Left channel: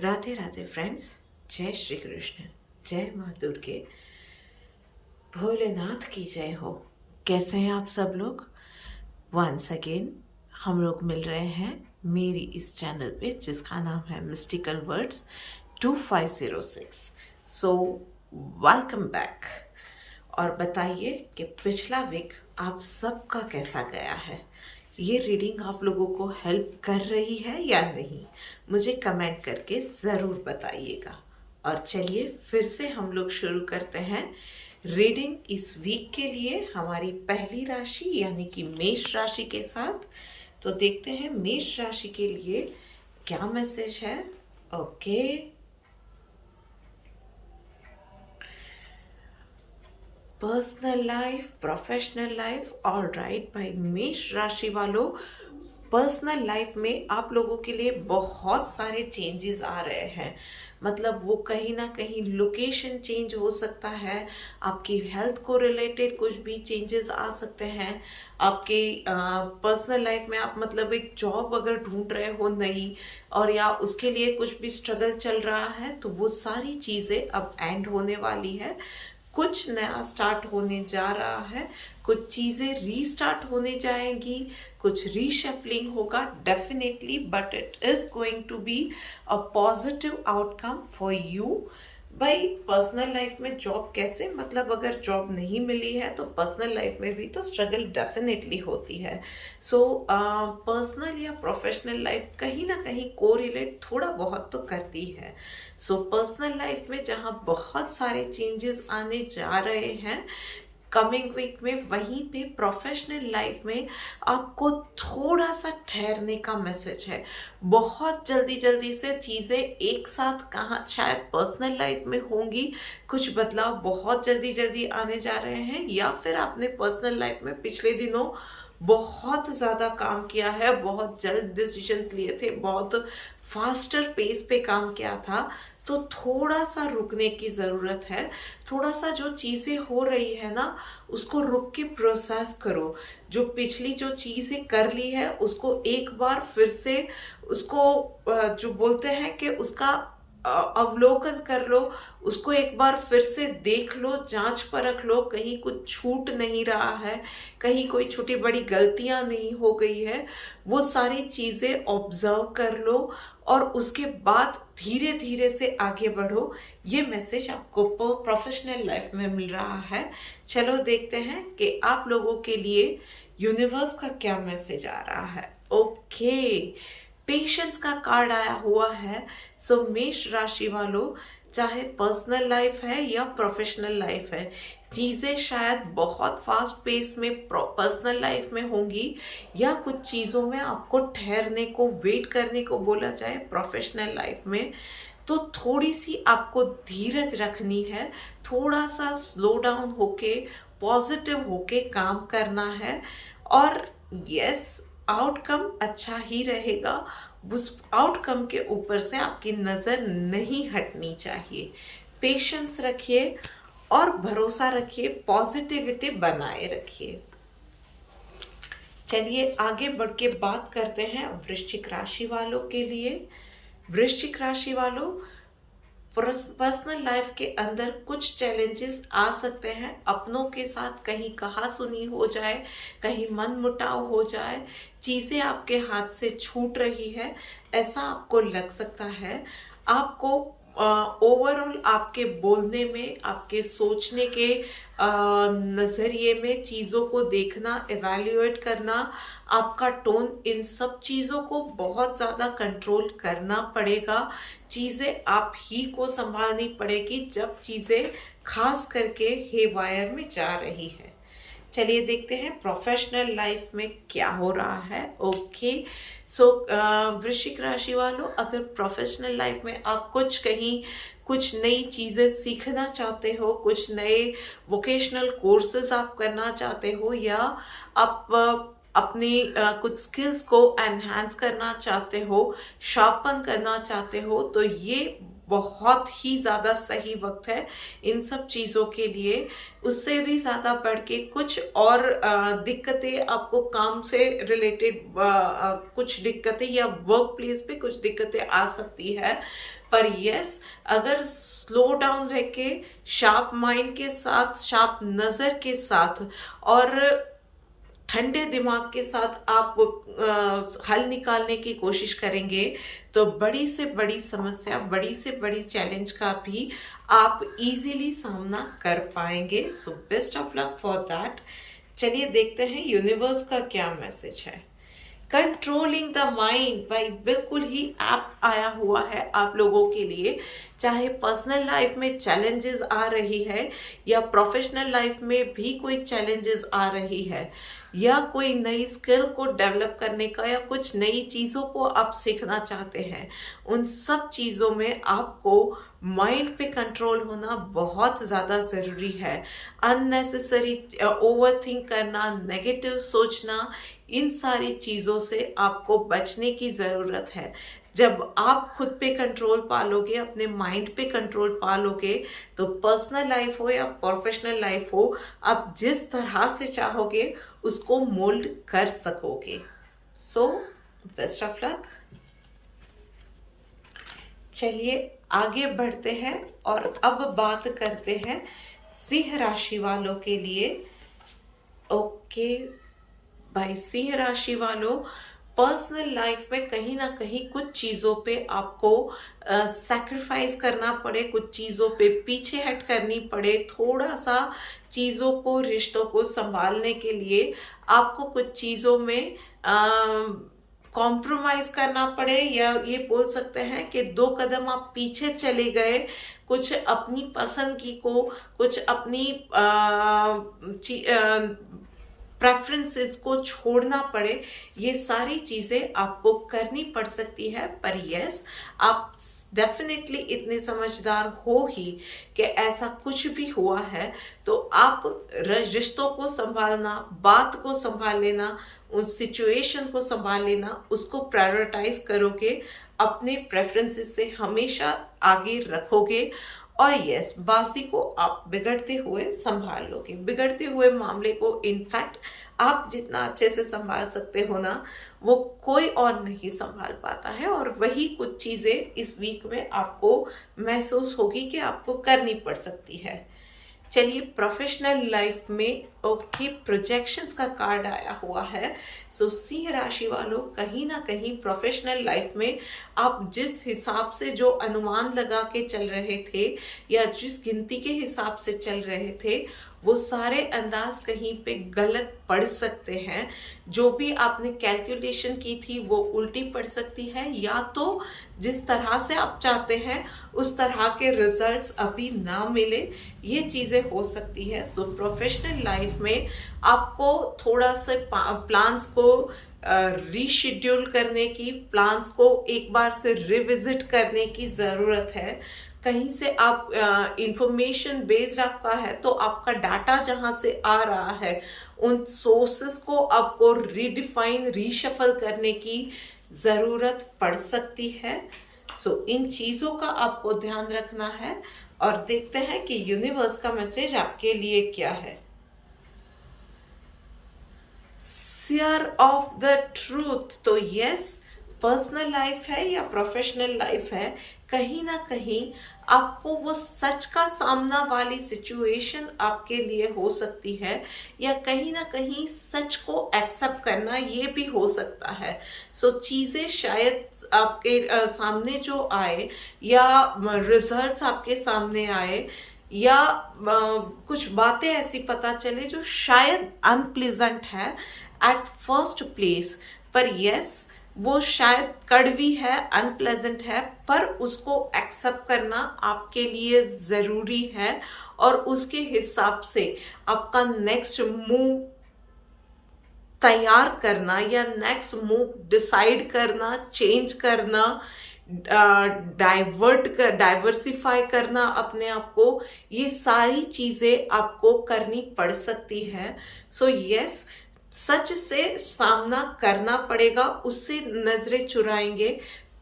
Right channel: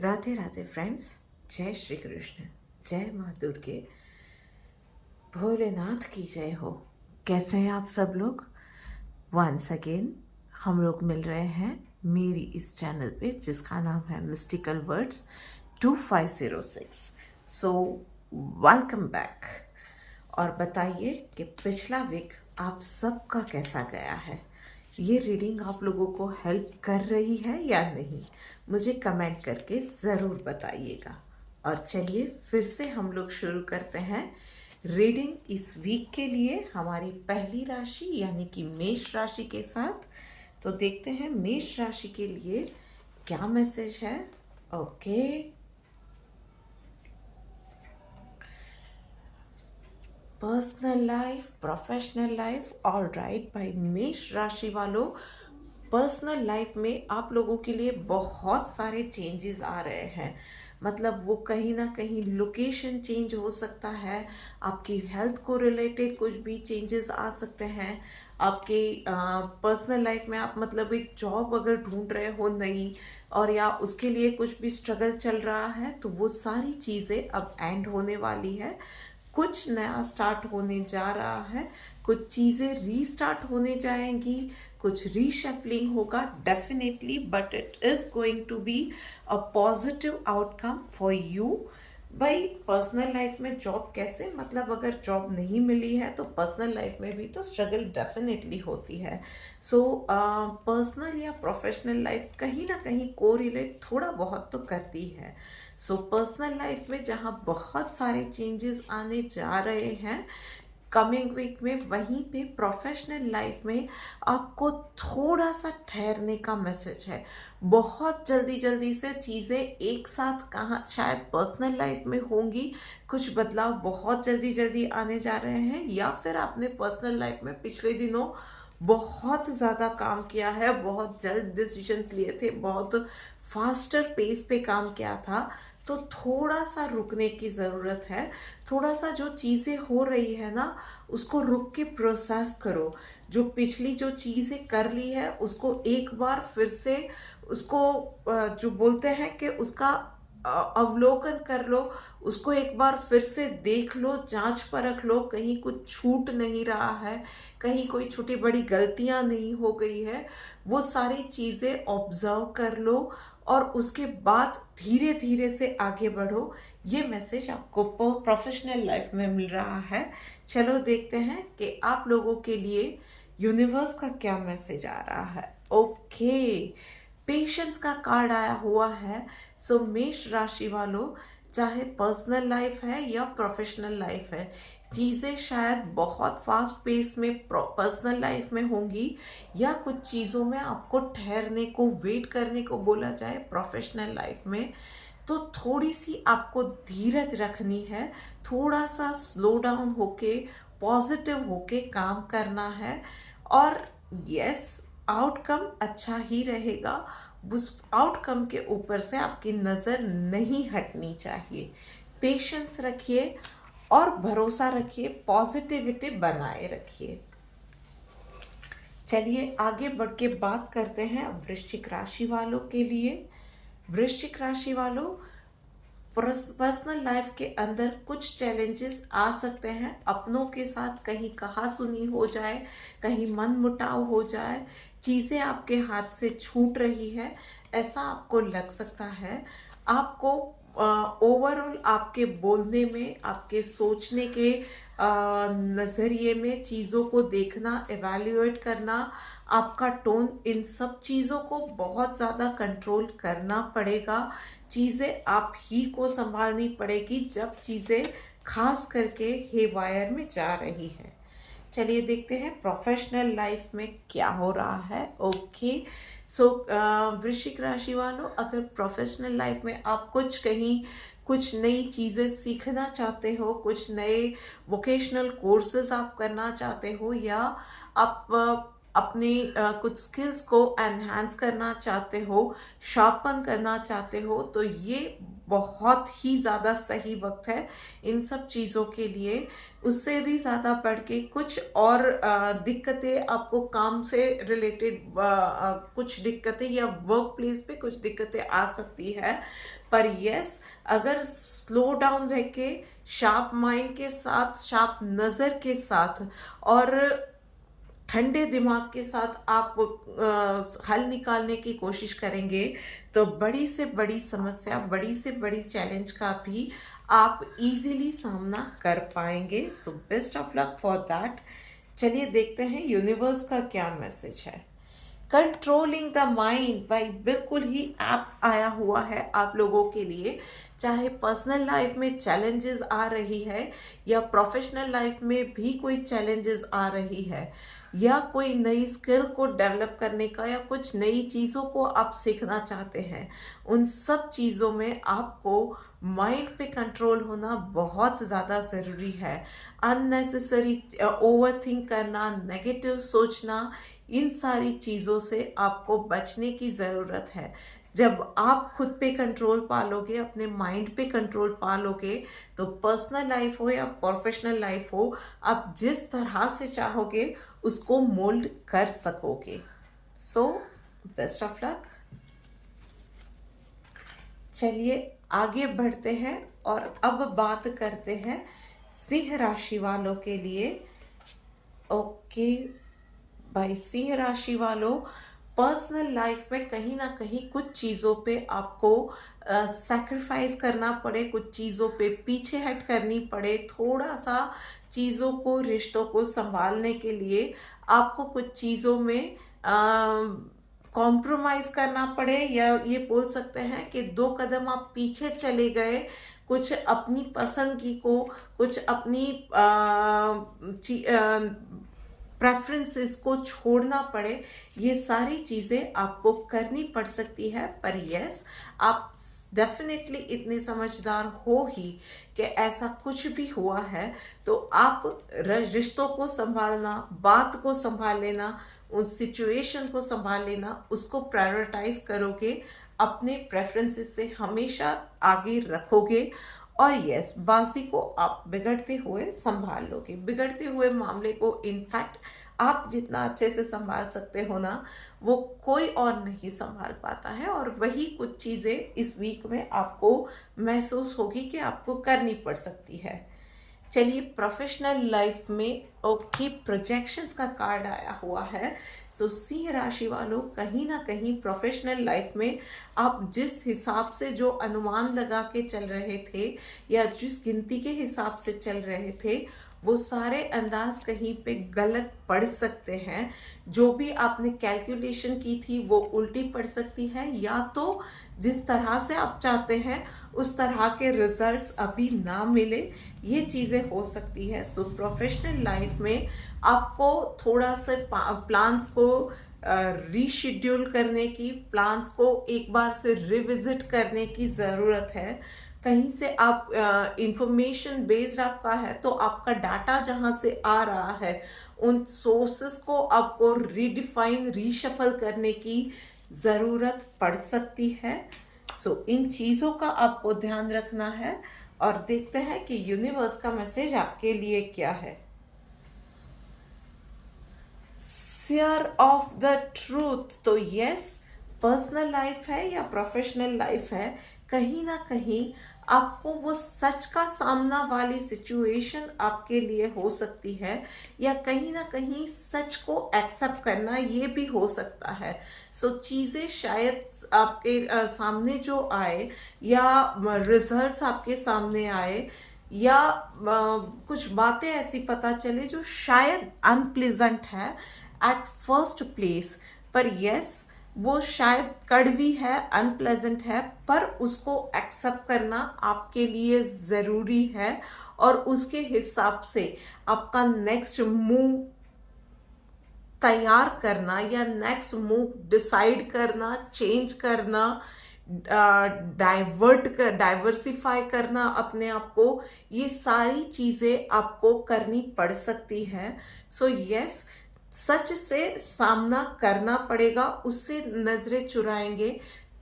Radhe Radhe friends. जय श्री कृष्ण, जय माँ दुर्गे, भोलेनाथ की जय हो। कैसे हैं आप सब लोग? वंस अगेन हम लोग मिल रहे हैं मेरी इस चैनल पे जिसका नाम है mystical words 2506। So welcome back. और बताइए कि पिछला वीक आप सबका कैसा गया है। ये रीडिंग आप लोगों को हेल्प कर रही है या नहीं, मुझे कमेंट करके ज़रूर बताइएगा। और चलिए फिर से हम लोग शुरू करते हैं रीडिंग इस वीक के लिए हमारी पहली राशि यानी कि मेष राशि के साथ। तो देखते हैं मेष राशि के लिए क्या मैसेज है। Okay, personal life, professional life, all right. भाई मेष राशि वालों, पर्सनल लाइफ में आप लोगों के लिए बहुत सारे चेंजेस आ रहे हैं। मतलब वो कहीं ना कहीं लोकेशन चेंज हो सकता है, आपकी हेल्थ को रिलेटेड कुछ भी चेंजेस आ सकते हैं। आपके पर्सनल लाइफ में आप मतलब एक जॉब अगर ढूंढ रहे हो नई, और या उसके लिए कुछ भी स्ट्रगल चल रहा है, तो वो सारी चीज़ें अब एंड होने वाली है। कुछ नया स्टार्ट होने जा रहा है, कुछ चीज़ें रीस्टार्ट होने जाएंगी, कुछ रीशफलिंग होगा definitely, but it is going to be a positive outcome for you. भाई पर्सनल लाइफ में जॉब कैसे, मतलब अगर जॉब नहीं मिली है तो पर्सनल लाइफ में भी तो स्ट्रगल डेफिनेटली होती है। सो पर्सनल या प्रोफेशनल लाइफ कहीं ना कहीं कोरिलेट थोड़ा बहुत तो करती है। सो पर्सनल लाइफ में जहाँ बहुत सारे चेंजेस आने जा रहे हैं कमिंग वीक में, वहीं पे प्रोफेशनल लाइफ में आपको थोड़ा सा ठहरने का मैसेज है। बहुत जल्दी जल्दी से चीज़ें एक साथ कहाँ शायद पर्सनल लाइफ में होंगी, कुछ बदलाव बहुत जल्दी जल्दी आने जा रहे हैं, या फिर आपने पर्सनल लाइफ में पिछले दिनों बहुत ज़्यादा काम किया है, बहुत जल्द डिसीजंस लिए थे, बहुत फास्टर पेस पे काम किया था, तो थोड़ा सा रुकने की ज़रूरत है। थोड़ा सा जो चीज़ें हो रही है ना, उसको रुक के प्रोसेस करो। जो पिछली जो चीज़ें कर ली है उसको एक बार फिर से उसको जो बोलते हैं कि उसका अवलोकन कर लो, उसको एक बार फिर से देख लो, जांच परख लो, कहीं कुछ छूट नहीं रहा है, कहीं कोई छोटी बड़ी गलतियां नहीं हो गई है, वो सारी चीज़ें ऑब्जर्व कर लो और उसके बाद धीरे धीरे से आगे बढ़ो। ये मैसेज आपको प्रोफेशनल लाइफ में मिल रहा है। चलो देखते हैं कि आप लोगों के लिए यूनिवर्स का क्या मैसेज आ रहा है। ओके, पेशेंस का कार्ड आया हुआ है। सो मेष राशि वालों, चाहे पर्सनल लाइफ है या प्रोफेशनल लाइफ है, चीज़ें शायद बहुत फास्ट पेस में पर्सनल लाइफ में होंगी, या कुछ चीज़ों में आपको ठहरने को, वेट करने को बोला जाए प्रोफेशनल लाइफ में, तो थोड़ी सी आपको धीरज रखनी है, थोड़ा सा स्लो डाउन होके पॉजिटिव होके काम करना है। और यस, आउटकम अच्छा ही रहेगा, उस आउटकम के ऊपर से आपकी नज़र नहीं हटनी चाहिए। पेशेंस रखिए और भरोसा रखिए, पॉजिटिविटी बनाए रखिए। चलिए आगे बढ़ के बात करते हैं वृश्चिक राशि वालों के लिए। वृश्चिक राशि वालों, पर्सनल लाइफ के अंदर कुछ चैलेंजेस आ सकते हैं। अपनों के साथ कहीं कहा सुनी हो जाए, कहीं मन मुटाव हो जाए, चीज़ें आपके हाथ से छूट रही है, ऐसा आपको लग सकता है। आपको ओवरऑल आपके बोलने में, आपके सोचने के नज़रिए में चीज़ों को देखना, एवेल्युएट करना, आपका टोन, इन सब चीज़ों को बहुत ज़्यादा कंट्रोल करना पड़ेगा। चीज़ें आप ही को संभालनी पड़ेगी जब चीज़ें खास करके हेवायर में जा रही है। चलिए देखते हैं प्रोफेशनल लाइफ में क्या हो रहा है। ओके, सो वृश्चिक राशि वालों, अगर प्रोफेशनल लाइफ में आप कुछ नई चीज़ें सीखना चाहते हो, कुछ नए वोकेशनल कोर्सेज आप करना चाहते हो, या आप अपनी कुछ स्किल्स को एनहांस करना चाहते हो, शार्पन करना चाहते हो, तो ये बहुत ही ज़्यादा सही वक्त है इन सब चीज़ों के लिए। उससे भी ज़्यादा बढ़ के कुछ और दिक्कतें आपको काम से रिलेटेड, कुछ दिक्कतें या वर्क प्लेस पे कुछ दिक्कतें आ सकती है। पर यस, अगर स्लो डाउन रह के शार्प माइंड के साथ, शार्प नज़र के साथ और ठंडे दिमाग के साथ आप हल निकालने की कोशिश करेंगे, तो बड़ी से बड़ी समस्या, बड़ी से बड़ी चैलेंज का भी आप इजीली सामना कर पाएंगे। So best of luck for that. चलिए देखते हैं यूनिवर्स का क्या मैसेज है। कंट्रोलिंग द माइंड, भाई बिल्कुल ही ऐप आया हुआ है आप लोगों के लिए। चाहे पर्सनल लाइफ में चैलेंजेस आ रही है या प्रोफेशनल लाइफ में भी कोई चैलेंजेस आ रही है, या कोई नई स्किल को डेवलप करने का, या कुछ नई चीज़ों को आप सीखना चाहते हैं, उन सब चीज़ों में आपको माइंड पे कंट्रोल होना बहुत ज़्यादा ज़रूरी है। अननेसेसरी ओवर थिंक करना, नेगेटिव सोचना, इन सारी चीज़ों से आपको बचने की ज़रूरत है। जब आप खुद पे कंट्रोल पालोगे, अपने माइंड पे कंट्रोल पालोगे, तो पर्सनल लाइफ हो या प्रोफेशनल लाइफ हो, आप जिस तरह से चाहोगे उसको मोल्ड कर सकोगे। So best of luck. चलिए आगे बढ़ते हैं और अब बात करते हैं सिंह राशि वालों के लिए। ओके भाई, सिंह राशि वालों, पर्सनल लाइफ में कहीं ना कहीं कुछ चीज़ों पे आपको सैक्रिफाइस करना पड़े, कुछ चीज़ों पे पीछे हट करनी पड़े, थोड़ा सा चीज़ों को, रिश्तों को संभालने के लिए आपको कुछ चीज़ों में कॉम्प्रोमाइज करना पड़े, या ये बोल सकते हैं कि 2 कदम आप पीछे चले गए, कुछ अपनी पसंदगी को, कुछ अपनी प्रेफरेंसेस को छोड़ना पड़े। ये सारी चीज़ें आपको करनी पड़ सकती है। पर यस, आप डेफिनेटली इतने समझदार हो ही कि ऐसा कुछ भी हुआ है तो आप रिश्तों को संभालना, बात को संभाल लेना, उस सिचुएशन को संभाल लेना, उसको प्रायोरिटाइज करोगे, अपने प्रेफरेंसेस से हमेशा आगे रखोगे। और यस, बाजी को आप बिगड़ते हुए संभाल लोगे। बिगड़ते हुए मामले को इनफैक्ट आप जितना अच्छे से संभाल सकते हो ना, वो कोई और नहीं संभाल पाता है। और वही कुछ चीज़ें इस वीक में आपको महसूस होगी कि आपको करनी पड़ सकती है। चलिए प्रोफेशनल लाइफ में ओके, प्रोजेक्शंस का कार्ड आया हुआ है। सो सिंह राशि वालों, कहीं ना कहीं प्रोफेशनल लाइफ में आप जिस हिसाब से जो अनुमान लगा के चल रहे थे, या जिस गिनती के हिसाब से चल रहे थे, वो सारे अंदाज कहीं पे गलत पड़ सकते हैं। जो भी आपने कैलकुलेशन की थी वो उल्टी पड़ सकती है, या तो जिस तरह से आप चाहते हैं उस तरह के रिजल्ट्स अभी ना मिले, ये चीज़ें हो सकती है। सो प्रोफेशनल लाइफ में आपको थोड़ा सा प्लान्स को रीशेड्यूल करने की, प्लान्स को एक बार से रिविजिट करने की ज़रूरत है। कहीं से आप इंफॉर्मेशन बेस्ड आपका है, तो आपका डाटा जहाँ से आ रहा है, उन सोर्सेस को आपको रीडिफाइन, रीशफल करने की ज़रूरत पड़ सकती है। सो इन चीज़ों का आपको ध्यान रखना है। और देखते हैं कि यूनिवर्स का मैसेज आपके लिए क्या है। Share of the truth. तो यस, पर्सनल लाइफ है या प्रोफेशनल लाइफ है, कहीं ना कहीं आपको वो सच का सामना वाली सिचुएशन आपके लिए हो सकती है, या कहीं ना कहीं सच को एक्सेप्ट करना ये भी हो सकता है। सो चीज़ें शायद आपके सामने जो आए, या रिजल्ट्स आपके सामने आए, या कुछ बातें ऐसी पता चले जो शायद अनप्लेजेंट है एट फर्स्ट प्लेस, पर यस, वो शायद कड़वी है, अनप्लेजेंट है, पर उसको एक्सेप्ट करना आपके लिए ज़रूरी है। और उसके हिसाब से आपका नेक्स्ट मूव तैयार करना, या नेक्स्ट मूव डिसाइड करना, चेंज करना, डाइवर्सिफाई करना अपने आप को, ये सारी चीज़ें आपको करनी पड़ सकती है। सो यस, सच से सामना करना पड़ेगा, उससे नजरें चुराएंगे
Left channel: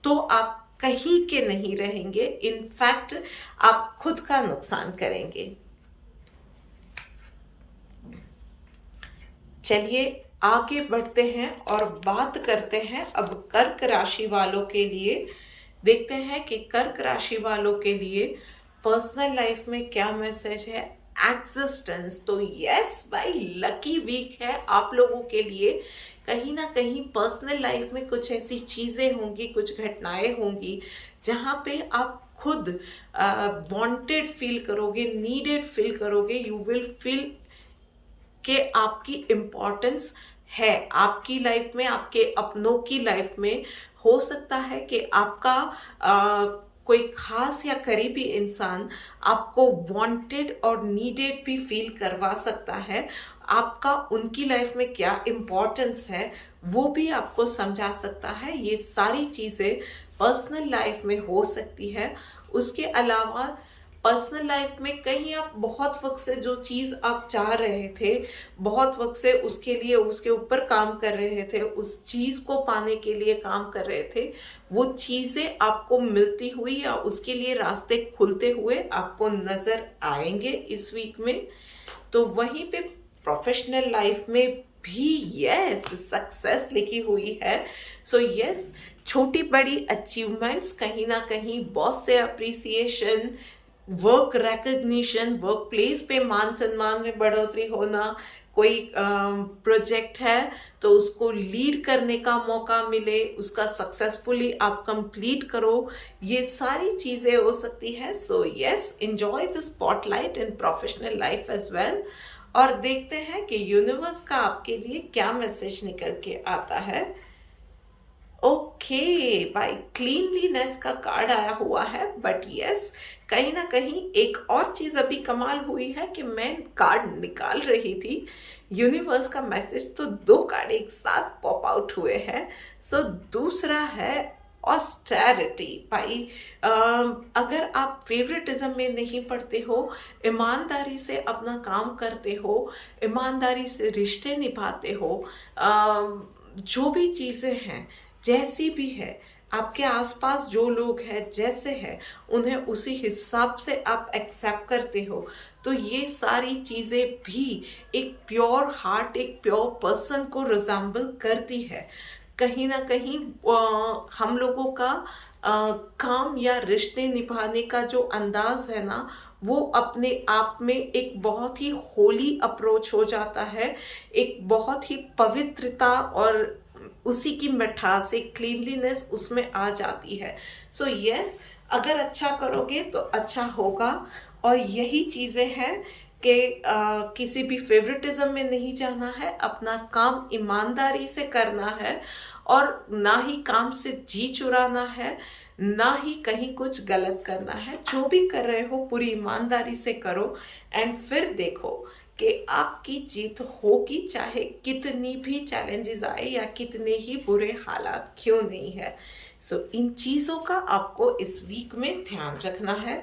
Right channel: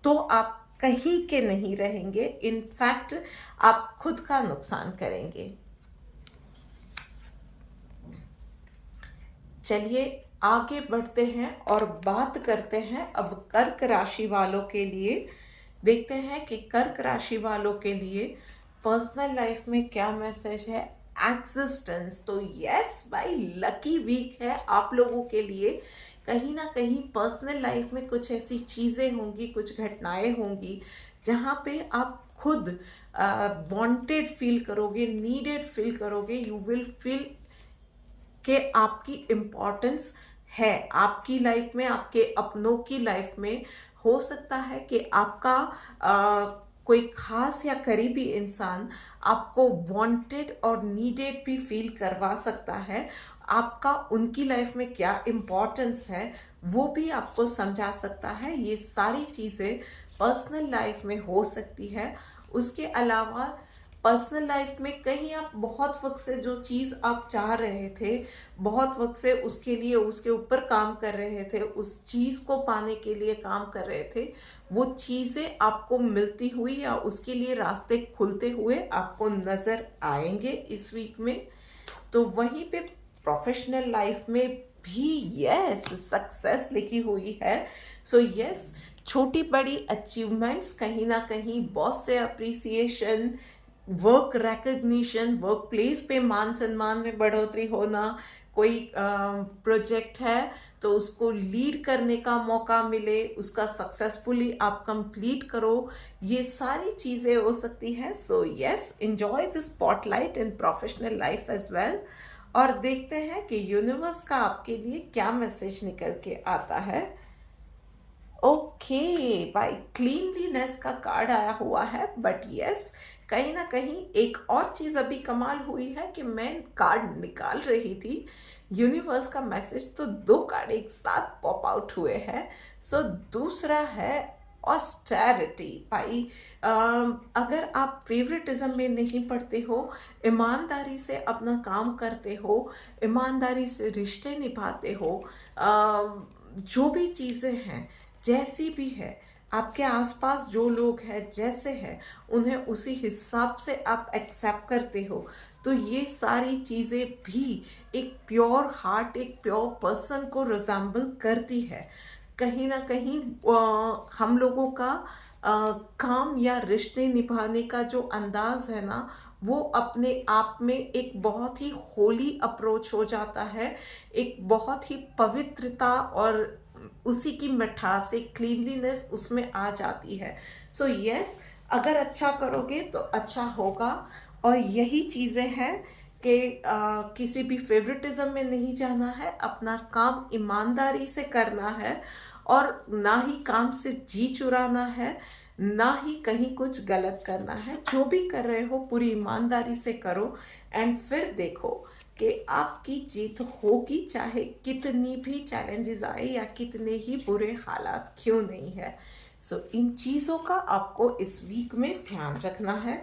तो आप कहीं के नहीं रहेंगे, इनफैक्ट आप खुद का नुकसान करेंगे। चलिए आगे बढ़ते हैं और बात करते हैं अब कर्क राशि वालों के लिए। देखते हैं कि कर्क राशि वालों के लिए पर्सनल लाइफ में क्या मैसेज है। एग्जिस्टेंस, तो यस भाई, लकी वीक है आप लोगों के लिए। कहीं ना कहीं पर्सनल लाइफ में कुछ ऐसी चीजें होंगी, कुछ घटनाएं होंगी जहां पे आप खुद वांटेड फील करोगे, नीडेड फील करोगे। यू विल फील कि आपकी इम्पोर्टेंस है आपकी लाइफ में, आपके अपनों की लाइफ में। हो सकता है कि आपका कोई खास या करीबी इंसान आपको वांटेड और नीडेड भी फील करवा सकता है। आपका उनकी लाइफ में क्या इम्पोर्टेंस है वो भी आपको समझा सकता है। ये सारी चीज़ें पर्सनल लाइफ में हो सकती है। उसके अलावा पर्सनल लाइफ में कहीं आप बहुत वक्त से जो चीज़ आप चाह रहे थे, बहुत वक्त से उसके लिए उसके ऊपर काम कर रहे थे, उस चीज़ को पाने के लिए काम कर रहे थे, वो चीज़ें आपको मिलती हुई या उसके लिए रास्ते खुलते हुए आपको नज़र आएंगे इस वीक में। तो वहीं पे प्रोफेशनल लाइफ में भी यस सक्सेस लिखी हुई है। सो यस, छोटी बड़ी अचीवमेंट्स, कहीं ना कहीं बॉस से appreciation, work recognition, work place पे मान सम्मान में बढ़ोतरी होना, कोई प्रोजेक्ट है तो उसको लीड करने का मौका मिले, उसका सक्सेसफुली आप कंप्लीट करो, ये सारी चीज़ें हो सकती है। So yes, enjoy the spotlight in professional life as well. और देखते हैं कि यूनिवर्स का आपके लिए क्या मैसेज निकल के आता है। ओके भाई, क्लीनलीनेस का कार्ड आया हुआ है, बट यस कहीं ना कहीं एक और चीज अभी कमाल हुई है कि मैं कार्ड निकाल रही थी, यूनिवर्स का मैसेज तो दो कार्ड एक साथ पॉप आउट हुए हैं। सो दूसरा है ऑस्टेरिटी भाई। अगर आप फेवरेटिज्म में नहीं पड़ते हो, ईमानदारी से अपना काम करते हो, ईमानदारी से रिश्ते निभाते हो, जो भी चीज़ें हैं जैसी भी है, आपके आसपास जो लोग हैं जैसे हैं उन्हें उसी हिसाब से आप एक्सेप्ट करते हो, तो ये सारी चीज़ें भी एक प्योर हार्ट, एक प्योर पर्सन को रिजेंबल करती है। कहीं ना कहीं हम लोगों का काम या रिश्ते निभाने का जो अंदाज है ना, वो अपने आप में एक बहुत ही होली अप्रोच हो जाता है, एक बहुत ही पवित्रता और उसी की मिठास, एक क्लीनलीनेस उसमें आ जाती है। सो यस, अगर अच्छा करोगे तो अच्छा होगा। और यही चीज़ें हैं कि किसी भी फेवरेटिज्म में नहीं जाना है, अपना काम ईमानदारी से करना है और ना ही काम से जी चुराना है, ना ही कहीं कुछ गलत करना है। जो भी कर रहे हो पूरी ईमानदारी से करो एंड फिर देखो कि आपकी जीत होगी, चाहे कितनी भी चैलेंजेस आए या कितने ही बुरे हालात क्यों नहीं है। सो इन चीज़ों का आपको इस वीक में ध्यान रखना है।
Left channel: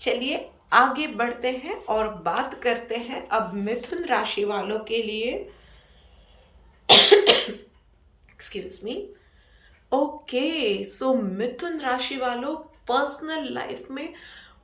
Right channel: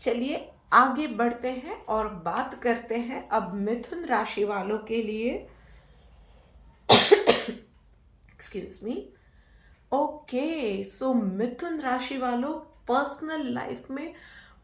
चलिए आगे बढ़ते हैं और बात करते हैं अब मिथुन राशि वालों के लिए। Excuse me. ओके, सो मिथुन राशि वालों, पर्सनल लाइफ में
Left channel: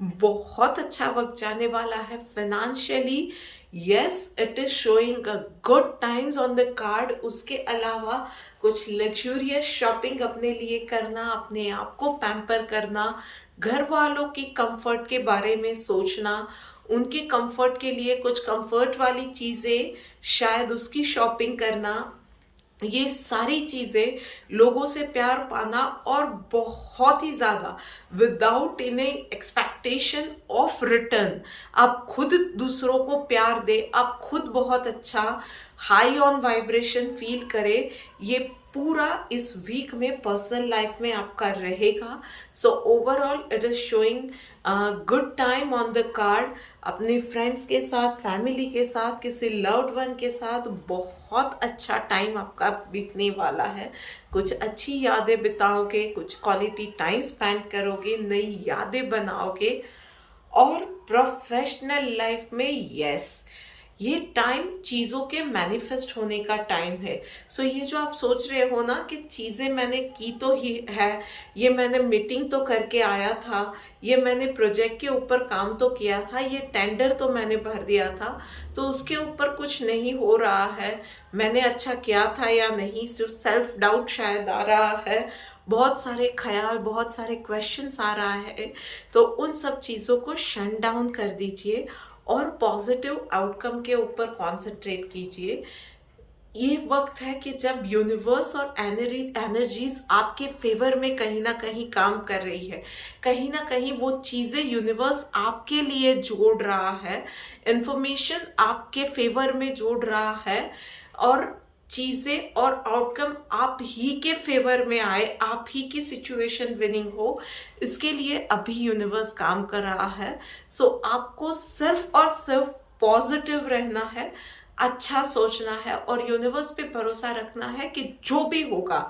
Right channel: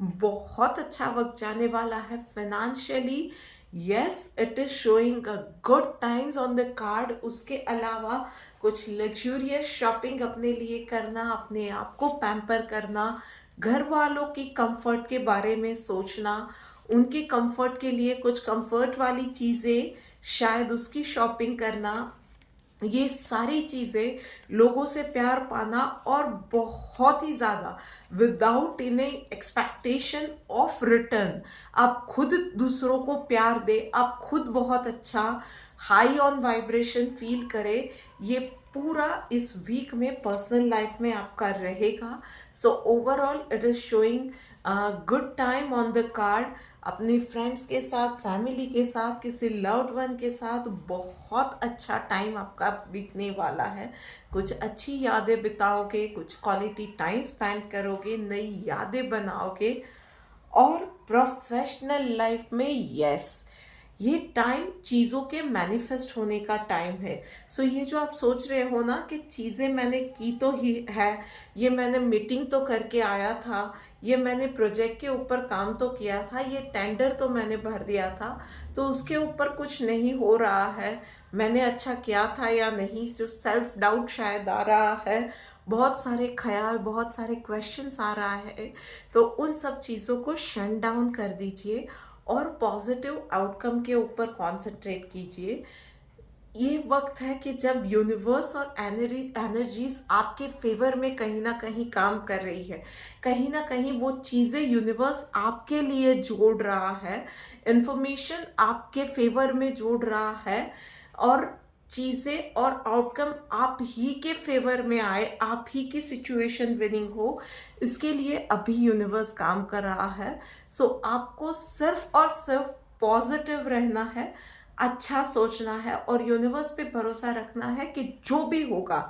बहुत अच्छा वक्त जाने वाला है financially. Yes, it is showing a good times on the card. उसके अलावा कुछ लग्जूरियस शॉपिंग अपने लिए करना, अपने आप को पैम्पर करना, घर वालों की कंफर्ट के बारे में सोचना, उनके कंफर्ट के लिए कुछ कंफर्ट वाली चीज़ें, शायद उसकी शॉपिंग करना, ये सारी चीज़ें, लोगों से प्यार पाना और बहुत ही ज़्यादा without any expectation of return आप खुद दूसरों को प्यार दे, आप खुद बहुत अच्छा हाई ऑन वाइब्रेशन फील करे, ये पूरा इस वीक में पर्सनल लाइफ में आपका रहेगा। So overall it is showing good time on the card. अपने फ्रेंड्स के साथ, फैमिली के साथ, किसी लव्ड वन के साथ बहुत अच्छा टाइम आपका बीतने वाला है। कुछ अच्छी यादें बिताओगे, कुछ क्वालिटी टाइम स्पेंड करोगे, नई यादें बनाओगे। और प्रोफेशनल लाइफ में यस, ये टाइम चीज़ों के मैनिफेस्ट होने का टाइम है। सो ये जो आप सोच रहे हो ना कि चीज़ें मैंने की तो ही है, ये मैंने मीटिंग तो करके आया था, ये मैंने प्रोजेक्ट के ऊपर काम तो किया था, ये टेंडर तो मैंने भर दिया था, तो उसके ऊपर कुछ नहीं हो रहा है, मैंने अच्छा किया था या नहीं, जो सेल्फ डाउट शायद आ रहा है, बहुत सारे ख्याल, बहुत सारे क्वेश्चंस आ रहा है, तो उन सब चीज़ों को शट डाउन कर दीजिए और पॉजिटिव आउटकम के ऊपर कॉन्सेंट्रेट कीजिए। ये वक्त है कि जब यूनिवर्स और एनर्जीज आपके फेवर में कहीं ना कहीं काम कर रही है, कहीं ना कहीं वो चीज़ें यूनिवर्स आपके लिए जोड़ रहा है, इंफॉर्मेशन आपके फेवर में जोड़ रहा है, और चीज़ें और आउटकम आप ही के फेवर में आए, आप ही की सिचुएशन विनिंग हो, इसके लिए अभी यूनिवर्स काम कर रहा है। सो आपको सिर्फ और सिर्फ पॉजिटिव रहना है, अच्छा सोचना है और यूनिवर्स पे भरोसा रखना है कि जो भी होगा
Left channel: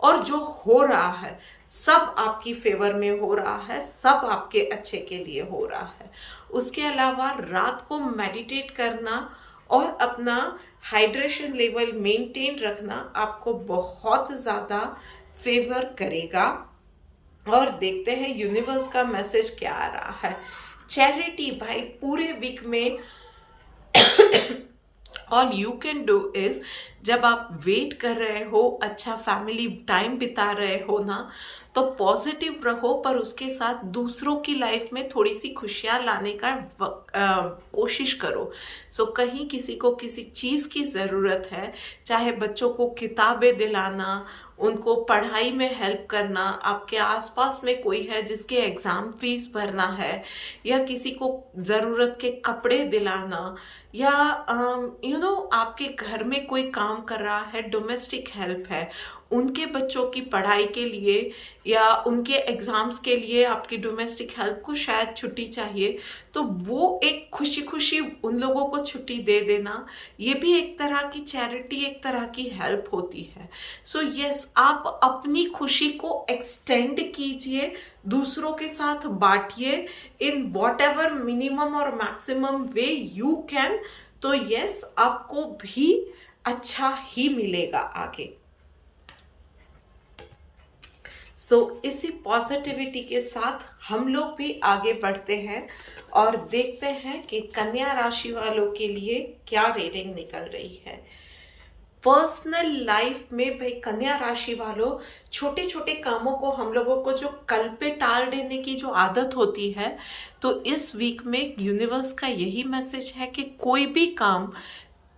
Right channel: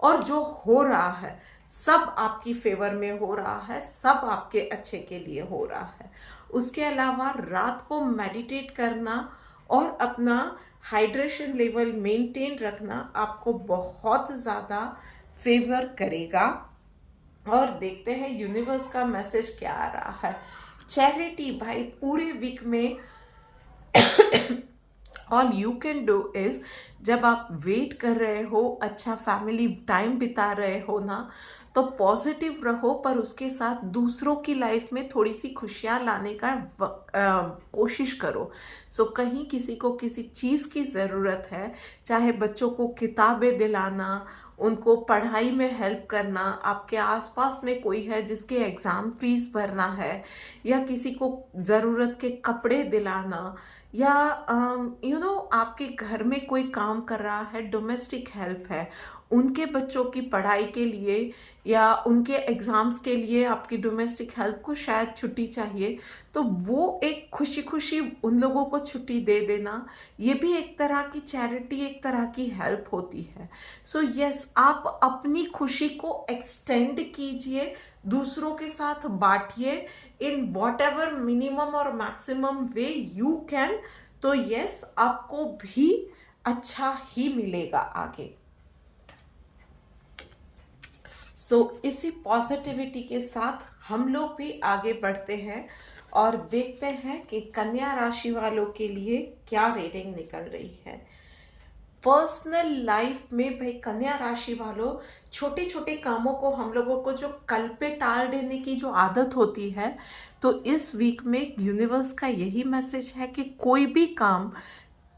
और जो हो रहा है सब आपकी फेवर में हो रहा है, सब आपके अच्छे के लिए हो रहा है। उसके अलावा रात को मेडिटेट करना और अपना हाइड्रेशन लेवल मेंटेन रखना आपको बहुत ज़्यादा फेवर करेगा। और देखते हैं यूनिवर्स का मैसेज क्या आ रहा है। चैरिटी भाई पूरे वीक में all you can do is, जब आप वेट कर रहे हो, अच्छा फैमिली टाइम बिता रहे हो ना, तो पॉजिटिव रहो, पर उसके साथ दूसरों की लाइफ में थोड़ी सी खुशियाँ लाने का कोशिश करो। सो कहीं किसी को किसी चीज़ की ज़रूरत है, चाहे बच्चों को किताबें दिलाना, उनको पढ़ाई में हेल्प करना, आपके आसपास में कोई है जिसके एग्ज़ाम फीस भरना है, या किसी को ज़रूरत के कपड़े दिलाना, या आपके घर में कोई काम कर रहा है, डोमेस्टिक हेल्प है, उनके बच्चों की पढ़ाई के लिए या उनके एग्ज़ाम्स के लिए आपकी डोमेस्टिक हेल्प को शायद छुट्टी चाहिए, तो वो एक खुशी खुशी उन लोगों को छुट्टी दे देना, ये भी एक तरह की चैरिटी, एक तरह की हेल्प होती है। सो यस, आप अपनी खुशी को एक्सटेंड कीजिए, दूसरों के साथ बांटिए इन वॉट एवर मिनिमम और मैक्सिमम वे यू कैन, तो यस आपको भी अच्छा ही मिलेगा आगे। सो इसी पॉजिटिविटी के साथ हम लोग भी आगे बढ़ते हैं और देखते हैं कि कन्या राशि वालों के लिए क्या रीडिंग निकल रही है। पर्सनल लाइफ में भाई कन्या राशि वालों, छोटे छोटे कामों को हम लोगों को जो कल पे टाल देने की जो आदत होती है, तो इस वीक में यूनिवर्स का यही मैसेज है कि कोई भी काम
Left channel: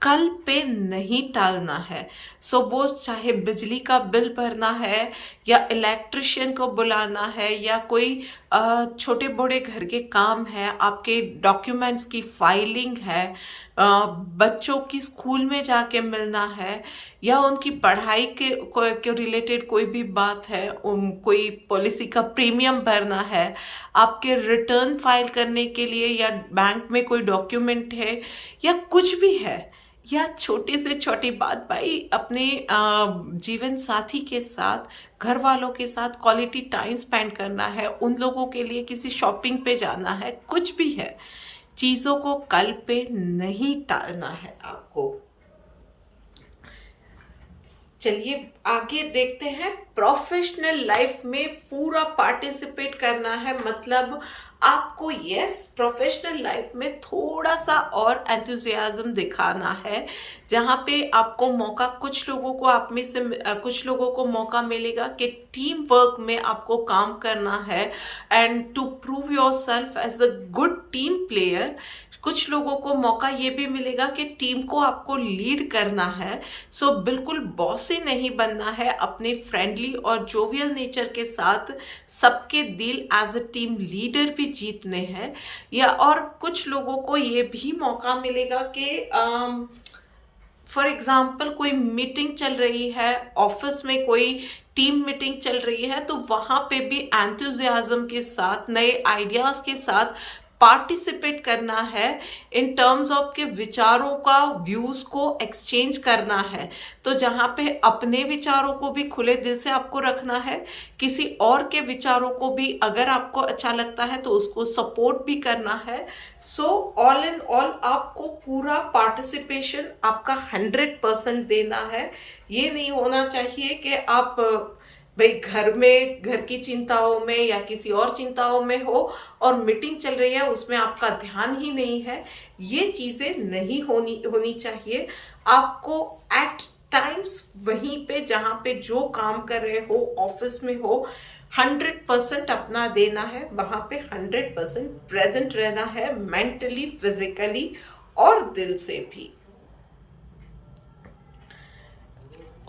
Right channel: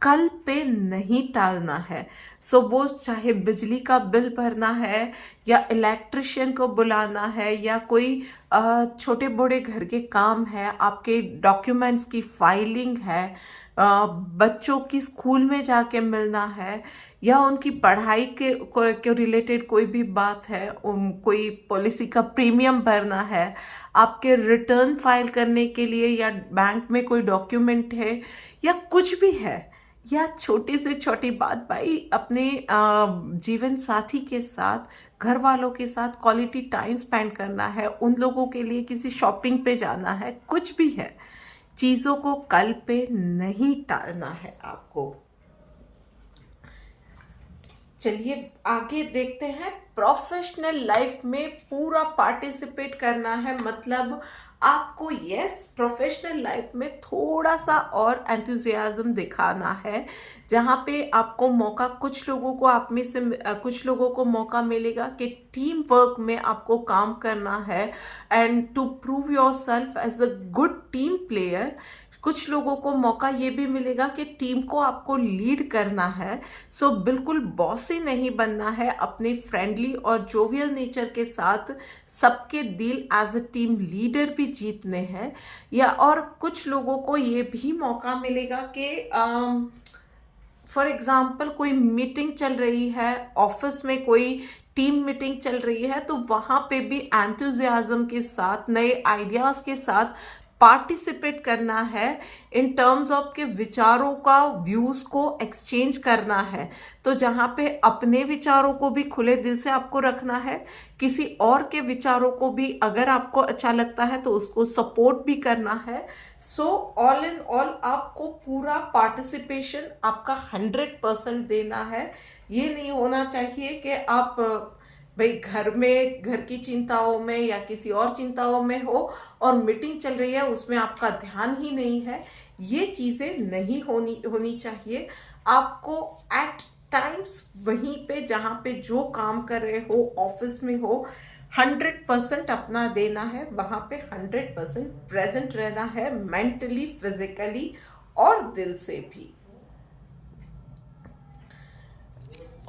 कल पे नहीं टालना है। सो वो चाहे बिजली का बिल भरना है, या इलेक्ट्रिशियन को बुलाना है, या कोई छोटे बड़े घर के काम है, आपके डॉक्यूमेंट्स की फाइलिंग है, बच्चों की स्कूल में जाके मिलना है, या उनकी पढ़ाई के रिलेटेड कोई भी बात है, कोई पॉलिसी का प्रीमियम भरना है, आपके रिटर्न फाइल करने के लिए, या बैंक में कोई डॉक्यूमेंट है, या कुछ भी है, या छोटी से छोटी बात भाई अपने जीवन साथी के साथ, घर वालों के साथ क्वालिटी टाइम स्पेंड करना है, उन लोगों के लिए किसी शॉपिंग पे जाना है, कुछ भी है, चीज़ों को कल पे नहीं टालना है आपको। चलिए आगे देखते हैं। प्रोफेशनल लाइफ में पूरा पार्टिसिपेट करना है, मतलब आपको यस प्रोफेशनल लाइफ में थोड़ा सा और एंथुजियाज्म दिखाना है, जहाँ पे आपको मौका, कुछ लोगों को आप में से कुछ लोगों को मौका मिलेगा कि टीम वर्क में आपको काम करना है and to prove yourself as a good team player. कुछ लोगों को मौका ये भी मिलेगा कि टीम को आपको लीड करना है। सो बिल्कुल बॉसी नहीं बनना है, अपने फ्रेंडली और जोवियल नेचर के साथ सबके दिल एज अ टीम लीडर भी जीतने हैं। या और कुछ लोगों को ये भी मौका मिलेगा कि फॉर एग्जाम्पल कोई मीटिंग चल रही है, ऑफिस में कोई टीम मीटिंग चल रही है, तो वहाँ पे भी एंथुजियाज्म के साथ, नए आइडियाज़ के साथ पार्टिसिपेट करना है, इन टर्म्स ऑफ के विचारों का, व्यूज को एक्सचेंज करना है। तो जहाँ पे अपने विचारों को भी खुले दिल से आपको रखना है, किसी और के विचारों को भी अगर आपको अच्छा लगता है तो उसको सपोर्ट भी करना है। सो ऑल इन ऑल आपको पूरा पार्टिसिपेशन आपका 100% देना है। ये नहीं होना चाहिए कि आप भाई घर में, घर की चिंताओं में या किसी और चिंताओं में हो और मीटिंग चल रही है उसमें आपका ध्यान ही नहीं है। ये चीजें नहीं होनी चाहिए। आपको एट टाइम्स वहीं पे जहां पे जो काम कर रहे हो, ऑफिस में हो, 100% अपना देना है, वहां पे 100% प्रेजेंट रहना है, मेंटली, फिजिकली और दिल से भी।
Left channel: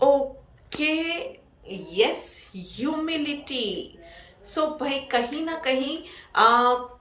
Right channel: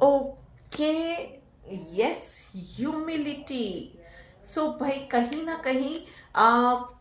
Okay, yes, humility. सो भाई कहीं ना कहीं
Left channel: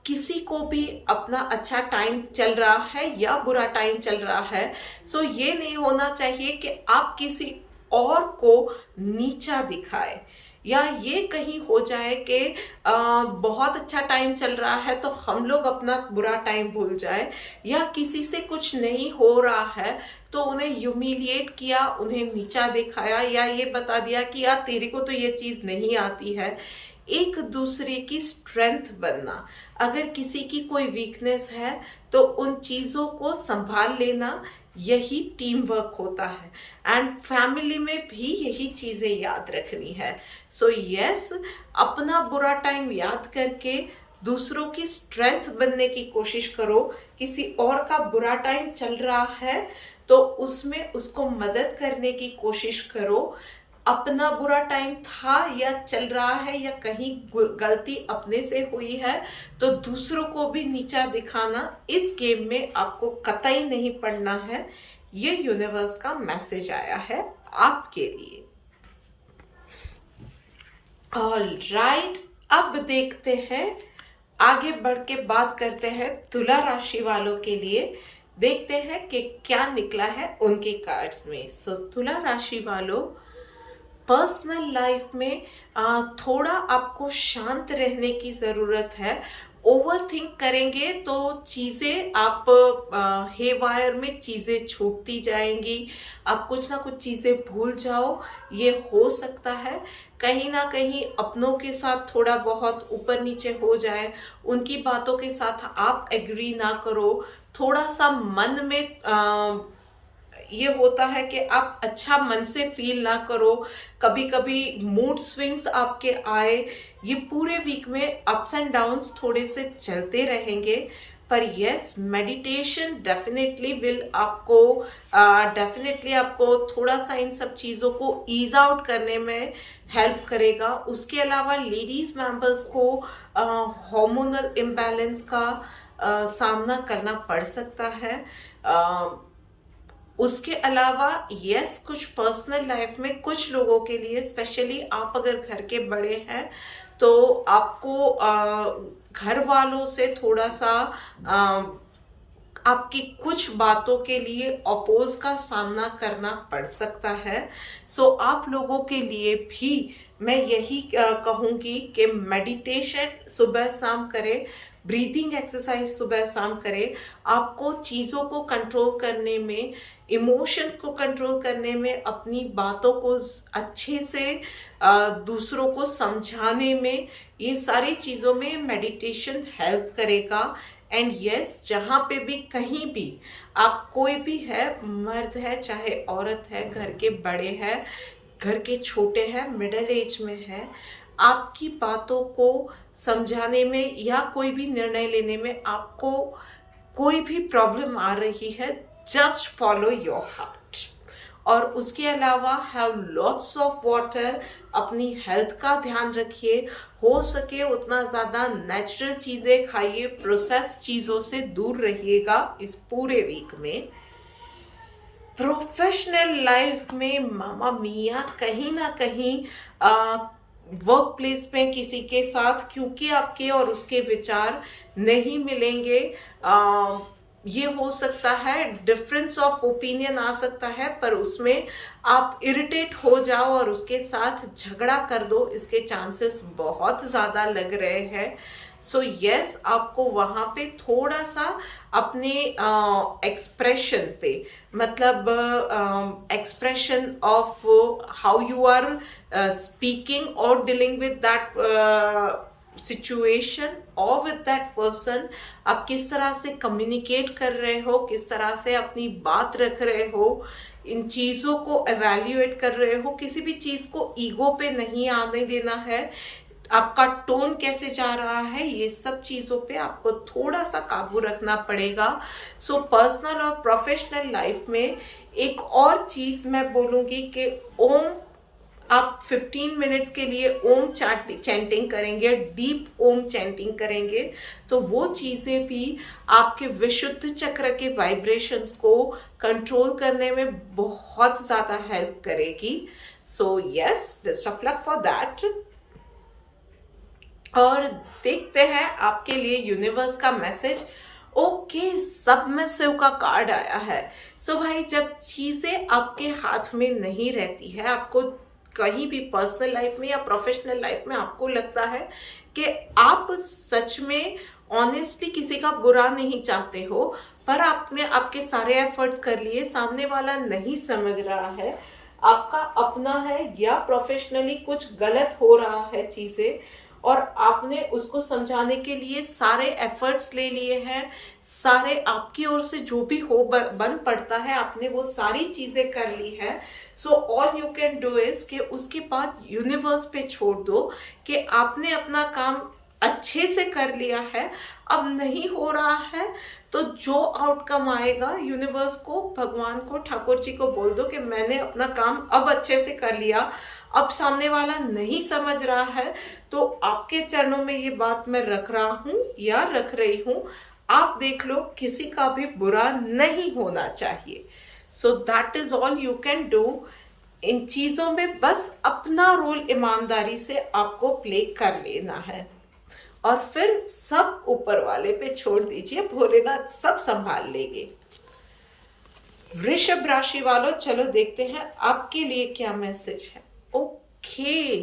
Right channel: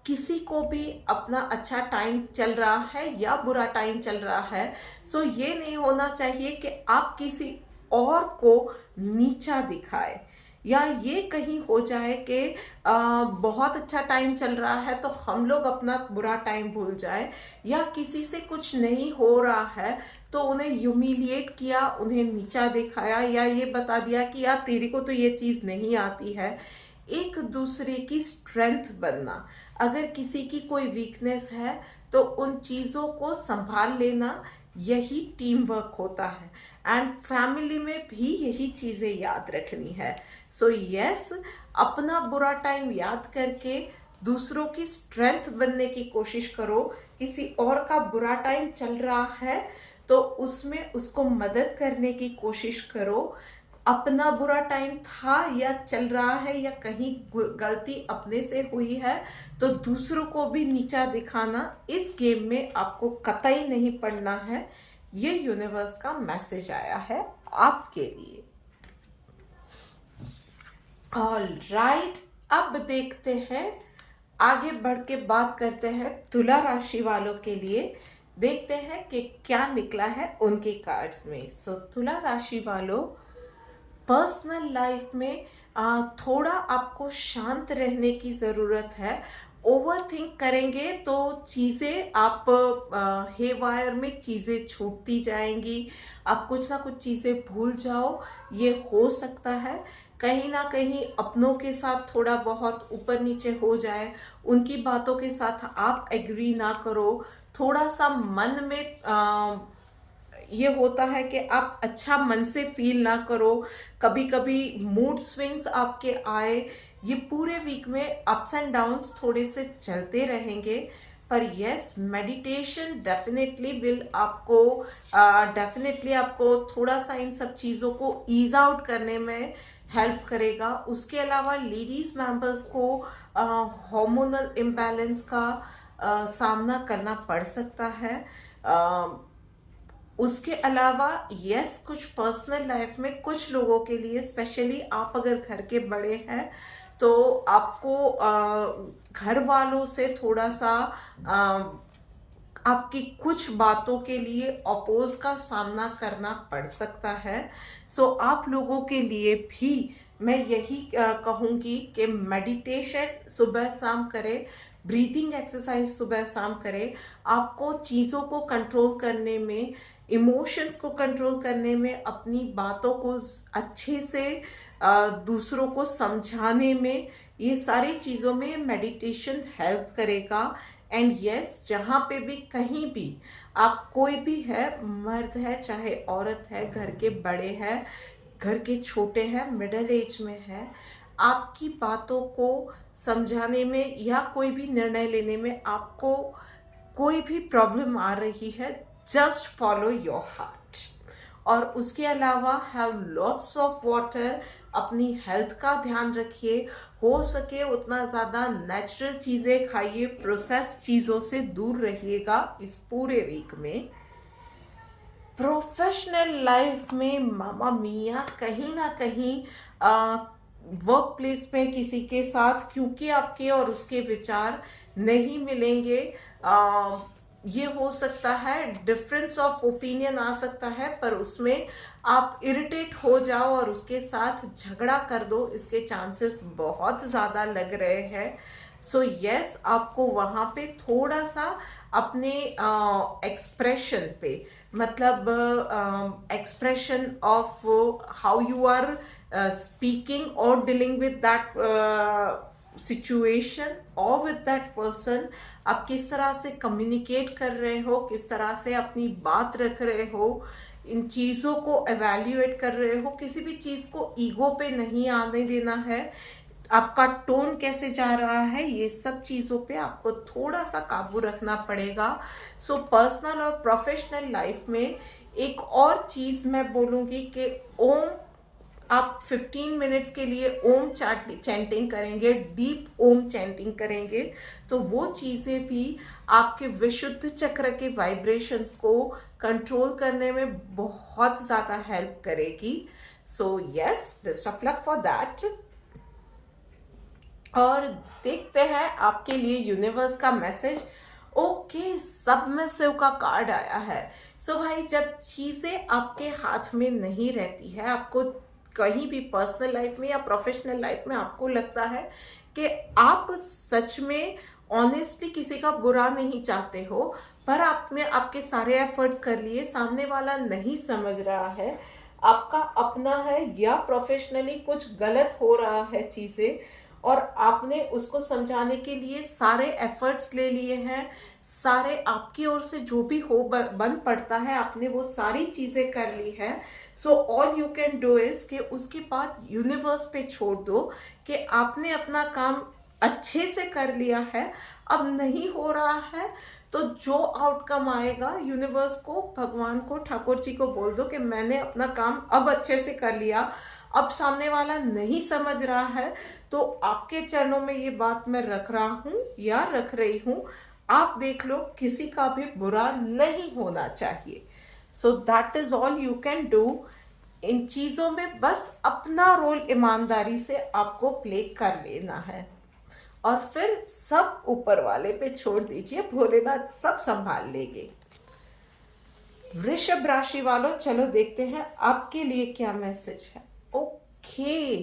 किसी को भी अपना अच्छा टाइम चल रहा है या बुरा टाइम चल रहा है, सो ये नहीं होना चाहिए कि आप किसी और को नीचा दिखाए, या ये कहीं हो जाए कि बहुत अच्छा टाइम चल रहा है तो हम लोग अपना बुरा टाइम भूल जाए, या किसी से कुछ नहीं हो रहा है तो उन्हें ह्यूमिलिएट किया, उन्हें नीचा दिखाया, या ये बता दिया कि यार तेरे को तो ये चीज नहीं आती है। एक दूसरे की स्ट्रेंथ बनना, अगर किसी की कोई वीकनेस है तो उन चीजों को संभाल लेना, यही टीम वर्क होता है। एंड फैमिली में भी यही चीजें याद रखनी है। सो यस, अपना बुरा टाइम याद करके दूसरों की स्ट्रेंथ बनने की कोशिश करो। किसी और का बुरा टाइम चल रहा है तो उसमें उसको मदद करने की कोशिश करो। अपना बुरा टाइम था या चल रहा है या कहीं गलती अपने से हुई है तो दूसरों को भी नीचा दिखाना, इस गेम में आपको कतई नहीं पड़ना है। ये यूनिवर्स का मैसेज आया है आपके लिए। ऑल राइट, अब देखते हैं, आगे बढ़ के बात करते हैं तुला राशि वालों के लिए। देखते हैं कि क्या निकला है उनके कार्ड्स में। सो तुला राशि वालों, पर्सनल लाइफ में थोड़ा आपको शांत रहने की ज़रूरत है। ओवर थिंक करेंगे तो चीज़ें आप हेवायर में चीज़ें छूटती जाएंगी, आप कुछ ना कुछ चीज़ें भूल जाओ, ये हो सकता है। कहीं ना कहीं अपनों के साथ थोड़ा बहुत ऊपर नीचे हो जाए, उनकी बातों के साथ आप एग्री ना करो, थोड़ा सा मन में ये होता है कि आप अच्छा मन से फील ना करो, कभी कभी मूड स्विंग्स आपके आए। ये पूरे वीक में अप्स एंड डाउन्स थोड़े से चलते रहेंगे, पर यस, मेडिटेशन डेफिनेटली विल आपको डेफिनेटली आपको थोड़ा सा इन सब चीज़ों को ईज आउट करने में हेल्प करेगा। उसके अलावा लेडीज मेंबर्स को हार्मोनल इम्बैलेंस का सामना करना पड़ सकता है। उसके अलावा यस, कुछ पर्सनल लाइफ में कुछ लोगों के लिए, स्पेशली आप अगर घर के बड़े हैं तो आपको घर वालों से थोड़ा सा आपकी कुछ बातों के लिए अपोज का सामना करना पड़ सकता है। सो आप लोगों के लिए भी मैं यही कहूँगी कि मेडिटेशन सुबह शाम करें, ब्रीदिंग एक्सरसाइज सुबह शाम करें। आपको चीज़ों को कंट्रोल करने में, इमोशंस को कंट्रोल करने में, अपनी बातों को अच्छे से दूसरों को समझाने में, ये सारी चीज़ों में मेडिटेशन हेल्प करेगा। एंड यस, जहाँ पे भी कहीं भी आप, कोई भी है, मर्द है चाहे औरत है, घर के बड़े हैं, घर के छोटे हैं, मिडिल एज में है, आपकी बातों को समझाने में या कोई भी निर्णय लेने में आपको कोई भी प्रॉब्लम आ रही है, जस्ट फॉलो योर हार्ट। और उसके अलावा हैव लॉट्स ऑफ वाटर, अपनी हेल्थ का ध्यान रखिए, हो सके उतना ज़्यादा नेचुरल चीज़ें खाइए, प्रोसेस चीज़ों से दूर रहिएगा इस पूरे वीक में। प्रोफेशनल लाइफ में मामा मिया, कहीं ना कहीं वर्क प्लेस में किसी के साथ, क्योंकि आपके और उसके विचार नहीं मिलेंगे, ये हो सकता है डिफरेंस ऑफ ओपिनियन आ सकता है, पर उसमें आप इरिटेट हो जाओ और उसके साथ झगड़ा कर दो, इसके चांसेस बहुत ज़्यादा लग रहे हैं। सो यस, आपको वहां पे थोड़ा सा अपने एक्सप्रेशन पे, मतलब expression of how you are speaking और डीलिंग विद दैट सिचुएशन और विद दैट पर्सन, आप किस तरह से कम्युनिकेट कर रहे हो, किस तरह से अपनी बात रख रहे हो, इन चीजों को एवेल्युएट कर रहे हो। किसी भी चीज को ईगो पे नहीं आने देना है। आपका टोन कैसे जा रहा है, ये सब चीजों पे आपको थोड़ा सा काबू रखना पड़ेगा। सो पर्सनल और प्रोफेशनल लाइफ में एक और चीज मैं बोलूंगी कि ओम, आप 15 मिनट्स के लिए ओम चैंटिंग करेंगे, डीप ओम चैंटिंग करेंगे, तो वो चीजें भी आपके विशुद्ध चक्र के वाइब्रेशंस को कंट्रोल करने में बहुत ज्यादा हेल्प करेगी। So yes, best of luck for that. और देखते हैं आपके लिए यूनिवर्स का मैसेज। ओके, सबमिसिव का कार्ड आया है। सो भाई, जब चीजें आपके हाथ में नहीं रहती है, आपको कहीं भी पर्सनल लाइफ में या प्रोफेशनल लाइफ में आपको लगता है कि आप सच में ऑनेस्टली किसी का बुरा नहीं चाहते हो, पर आपने आपके सारे एफर्ट्स कर लिए, सामने वाला नहीं समझ रहा है, आपका अपना है या प्रोफेशनली कुछ गलत हो रहा है चीजें, और आपने उसको समझाने के लिए सारे एफर्ट्स ले लिए हैं, सारे आपकी ओर से जो भी हो बन पड़ता है, आपने वो सारी चीजें कर ली है। So all you can do is कि उसके बाद यूनिवर्स पे छोड़ दो कि आपने अपना काम अच्छे से कर लिया है, अब नहीं हो रहा है तो जो आउटकम आएगा, यूनिवर्स को, भगवान को, ठाकुर जी को बोल दो कि मैंने अपना काम अब अच्छे से कर लिया, अब सामने वाला नहीं समझ रहा है तो आपके चरणों में ये बात मैं रख रहा हूं या रख रही हूं, आप देख लो, किसी का भी बुरा नहीं होना चाहिए। So that is all you can do. इन चीजों में बस अपना रोल ईमानदारी से आपको प्ले कर लेना है, और फिर सब ऊपर वाले पे छोड़ दीजिए, भोलेनाथ सब संभाल लेंगे। वृषभ राशि वालों, चलो देखते हैं आपके लिए क्या मैसेज है। ओके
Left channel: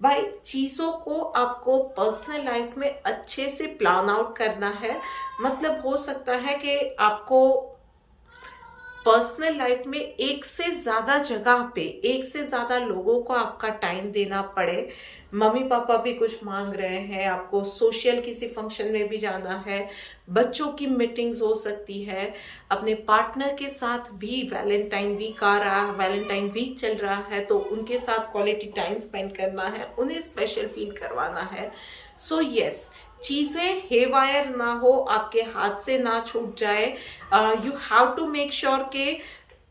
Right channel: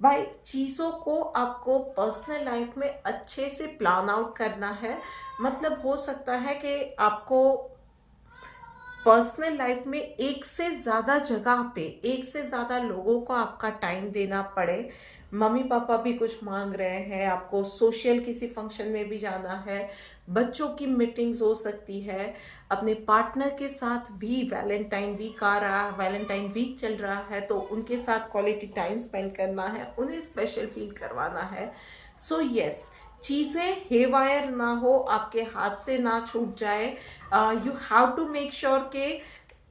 भाई, चीजों को आपको पर्सनल लाइफ में अच्छे से प्लान आउट करना है। मतलब हो सकता है कि आपको पर्सनल लाइफ में एक से ज्यादा जगह पे, एक से ज्यादा लोगों को आपका टाइम देना पड़े। मम्मी पापा भी कुछ मांग रहे हैं, आपको सोशल किसी फंक्शन में भी जाना है, बच्चों की मीटिंग्स हो सकती है, अपने पार्टनर के साथ भी वैलेंटाइन वीक आ रहा है, वैलेंटाइन वीक चल रहा है, तो उनके साथ क्वालिटी टाइम स्पेंड करना है, उन्हें स्पेशल फील करवाना है। सो यस, चीजें हेवायर ना हो, आपके हाथ से ना छूट जाए। You have to make sure कि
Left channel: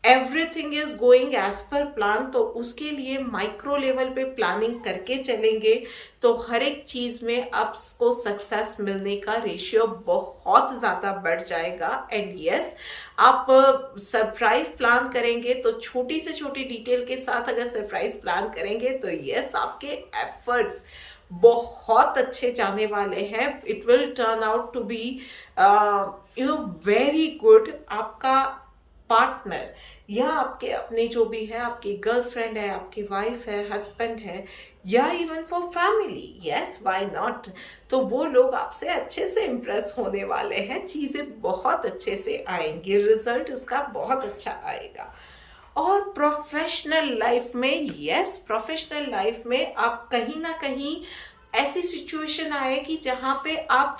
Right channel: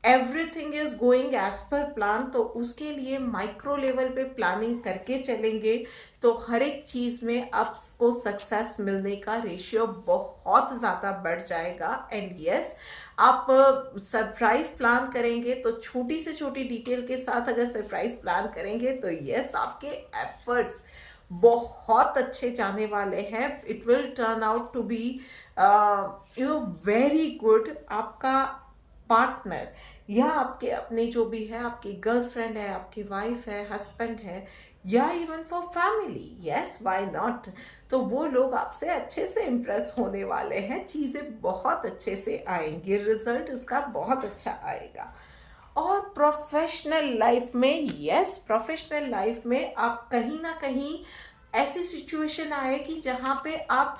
everything is going as per plan. तो उसके लिए माइक्रो लेवल पे प्लानिंग करके चलेंगे तो हर एक चीज में आपको सक्सेस मिलने का रेशियो बहुत ज्यादा बढ़ जाएगा। एंड यस, आप सरप्राइज प्लान करेंगे तो छोटी से छोटी डिटेल के साथ अगर सरप्राइज प्लान करेंगे तो यस, आपके एफर्ट्स बहुत अच्छे जाने वाले हैं। It will turn out to be very good. आपका पार्टनर या आपके अपने जो भी है, आपकी गर्लफ्रेंड है, आपकी वाइफ है, हस्बैंड है, या even for family, yes why not, तो वो लोग आपसे अच्छे से इम्प्रेस होने वाले हैं। चीजें बहुत अच्छे से आएंगी, रिजल्ट उसका बहुत अच्छा आएगा। और प्रोफेशनल लाइफ में, यस, प्रोफेशनल लाइफ में आप कहीं ना कहीं ऐसी सिचुएशन आएगी जहां पे आप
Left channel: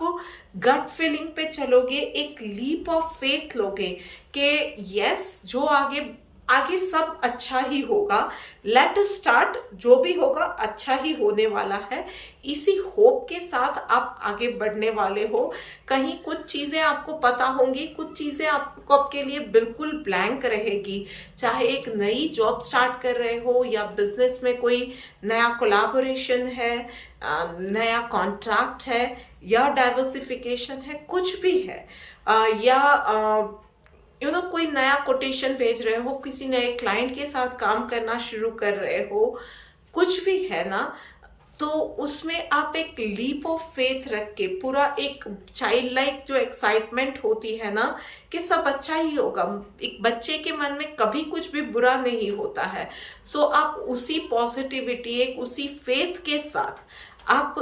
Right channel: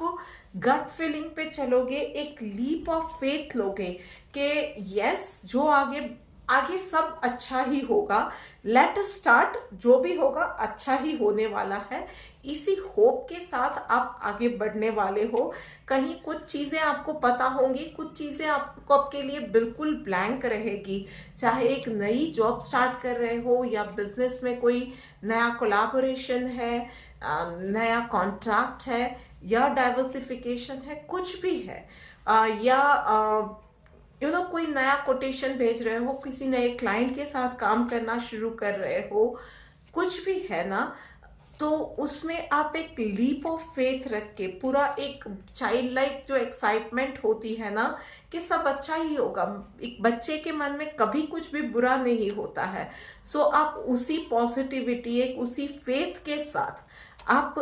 गट फीलिंग पे चलोगे, एक लीप ऑफ फेथ लोगे कि यस, जो आगे आगे सब अच्छा ही होगा, लेट स्टार्ट, जो भी होगा अच्छा ही होने वाला है। इसी होप के साथ आप आगे बढ़ने वाले हो। कहीं कुछ चीजें आपको पता होंगी, कुछ चीजें आपको आपके लिए बिल्कुल ब्लैंक रहेगी, चाहे एक नई जॉब स्टार्ट कर रहे हो या बिजनेस में कोई नया कोलैबोरेशन है, नया कॉन्ट्रैक्ट है, या डाइवर्सिफिकेशन है, कुछ भी है, या कोई नया कोटेशन भेज रहे हो, किसी नए क्लाइंट के साथ काम करना शुरू कर रहे हो, कुछ भी है ना, तो उसमें आप एक लीप ऑफ फेथ रख के, पूरा एक चाइल्ड लाइक जो एक्साइटमेंट होती है ना कि सब अच्छा ही होगा, एक बच्चे के मन में कभी कुछ भी बुरा नहीं होता है। सो आप उसी पॉजिटिविटी, एक उसी फेथ के साथ आप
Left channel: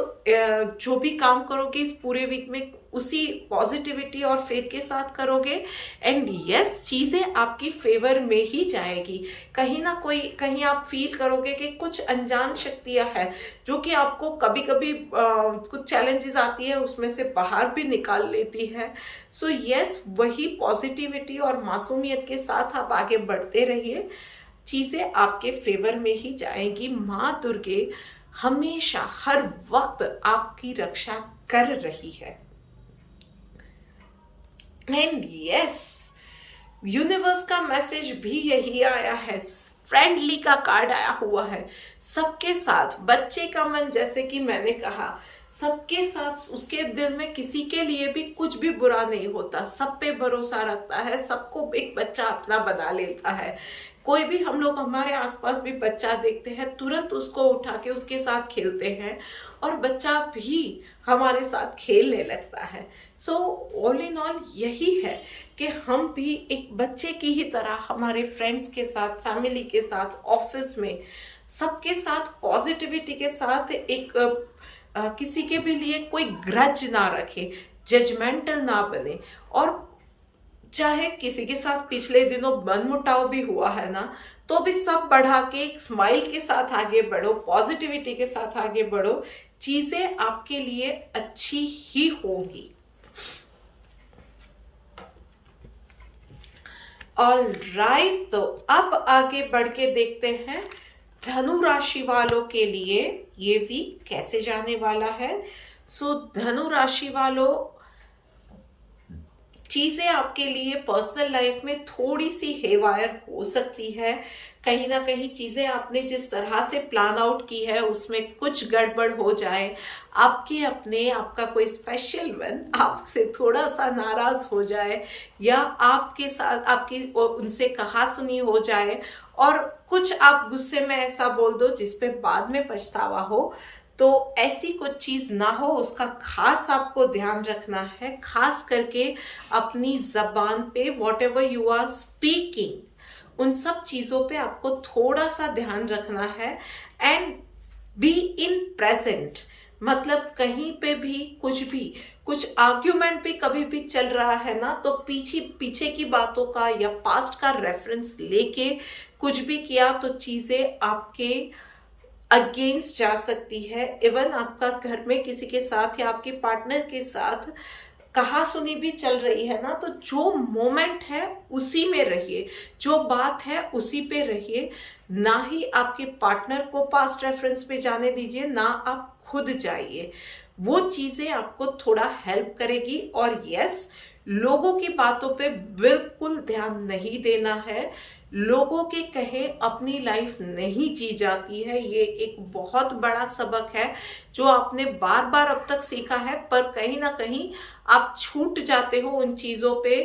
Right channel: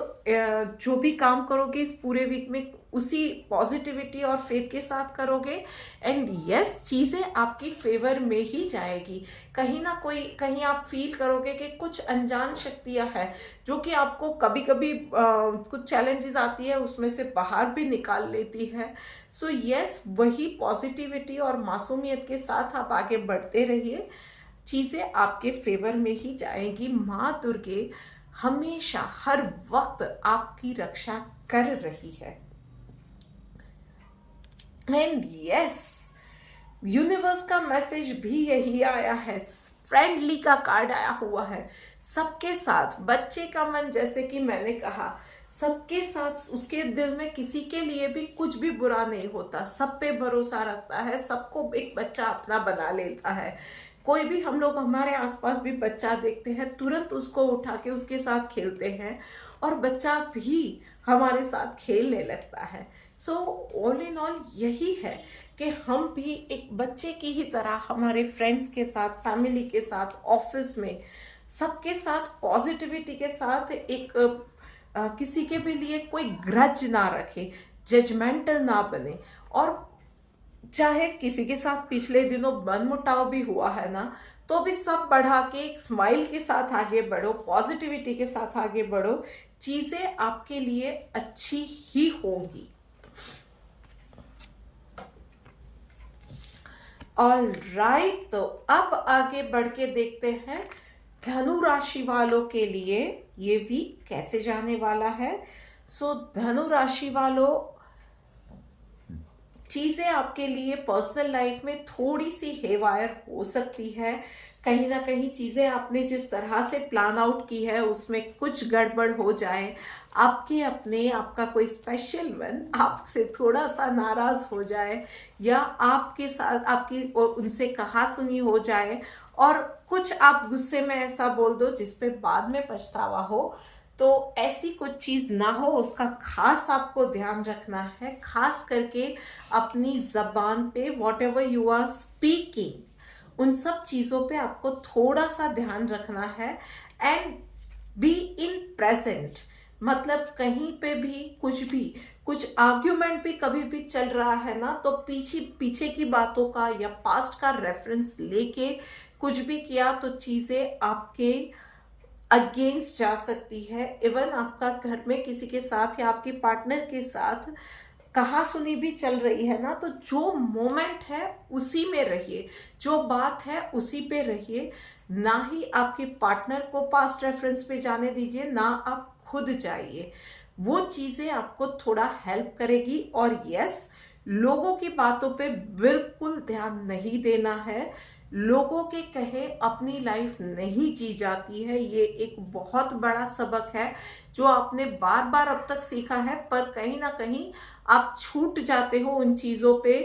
जो भी काम करोगे इस पूरे वीक में उसी पॉजिटिविटी और फेथ के साथ करोगे, एंड यस चीज़ें आपकी फेवर में ही जाएगी। कहीं ना कोई कहीं आप फील करोगे कि कुछ अनजान शक्तियां हैं जो कि आपको कभी कभी कुछ चैलेंजेस आती है उसमें से बाहर भी निकाल लेती है। सो यस वही पॉजिटिविटी और मासूमियत के साथ आप आगे बढ़ते रहिए, चीज़ें आपके फेवर में ही जाएगी। माँ दुर्गे हमेशा हर वक्त आपकी रक्षा कर रही है। एंड यस यूनिवर्स का मैसेज भी यही आया है, फ्रेंडली का कार्ड आया हुआ है। सबके साथ बच्चे का मन, जैसे कि मैंने कहा, सबके साथ उसके दिल में किसी के लिए भी कुछ भी बुरा नहीं होता, सब पे भरोसा रखता है, सबको एक बच्चा अपना बना लेता है। कोई भी हम लोग हमारे आसपास भी बच्चा देखते हैं तुरंत उसको उठा के उसके साथ खेलते हैं और बच्चा भी हमारे साथ खेलने लगता है। सो ऑल इन ऑल यही है कि हम भी एक बच्चे की ही तरह हमारे फ्रेंड्स के साथ, फैमिली के साथ, ऑफिस में सबके साथ पॉजिटिविटी के साथ एक किसी के भी लिए कोई ग्रज ना रखे, जजमेंटल ना बने, और चाहे किसी के साथ पिछले दिनों मनमुटाव भी हुआ है ना, तो भी सब बढ़ा के एक स्माइल के साथ आगे बढ़ो, पॉजिटिविटी के साथ आगे बढ़ो, चीजें आपके लिए अच्छी ही होगी। ऑल राइट, तो अब आगे बढ़ के देखते हैं धनु राशि वालों के लिए ये वीक कैसे जाने वाला है। सो धनु राशि वालों, चीज़ें आपके लिए पर्सनल लाइफ में थोड़ी सी हेवायर हो सकती है। कहीं ना कहीं चीज़ें आपने जिस तरह से प्लान आउट की है उसमें कुछ गड़बड़ हो जाए, आपका कोई स्पेशल वन आपसे थोड़ा सा नाराज हो जाए, या आपके साथ आपकी उनसे कहा सुनी हो जाए और कुछ आप गुस्से में ऐसा बोल दो जिस पे बाद में पछतावा हो। तो ऐसी कुछ चीज़ ना हो, उसका खास आपको ध्यान रखना है। खास करके अपनी जबान पे whatever you are speaking, उन सब चीज़ों पे आपको थोड़ा सा ध्यान रखना है। एंड बी इन प्रेजेंट, मतलब कहीं पे भी कुछ आर्ग्यूमेंट भी कभी भी चल रहा है ना, तो पीछे की बातों का या पास्ट का रेफरेंस लेके कुछ भी किया तो चीज़ें आपके अगेंस्ट जा सकती है। इवन आपका घर में किसी के साथ या आपकी पार्टनर के साथ कहा सुनी भी चल रही है ना, तो जो मोमेंट है उसी में रहिए, जो बात है उसी पे रहिए, ना ही आपके पार्टनर को पास्ट रेफरेंस पे जाने दीजिए, ना आप खुद जाइए। वो चीज़ें आपको थोड़ा हेल्प करेगी। और यस, लोगों की बातों पे बिल्कुल ध्यान नहीं देना है। लोगों के कहे अपनी लाइफ नहीं जी जाती है, ये एक बहुत बड़ा सबक है जो आपने बार बार अब तक सीखा है, पर कहीं ना कहीं आप छूट जाते हो उन चीज़ों पे।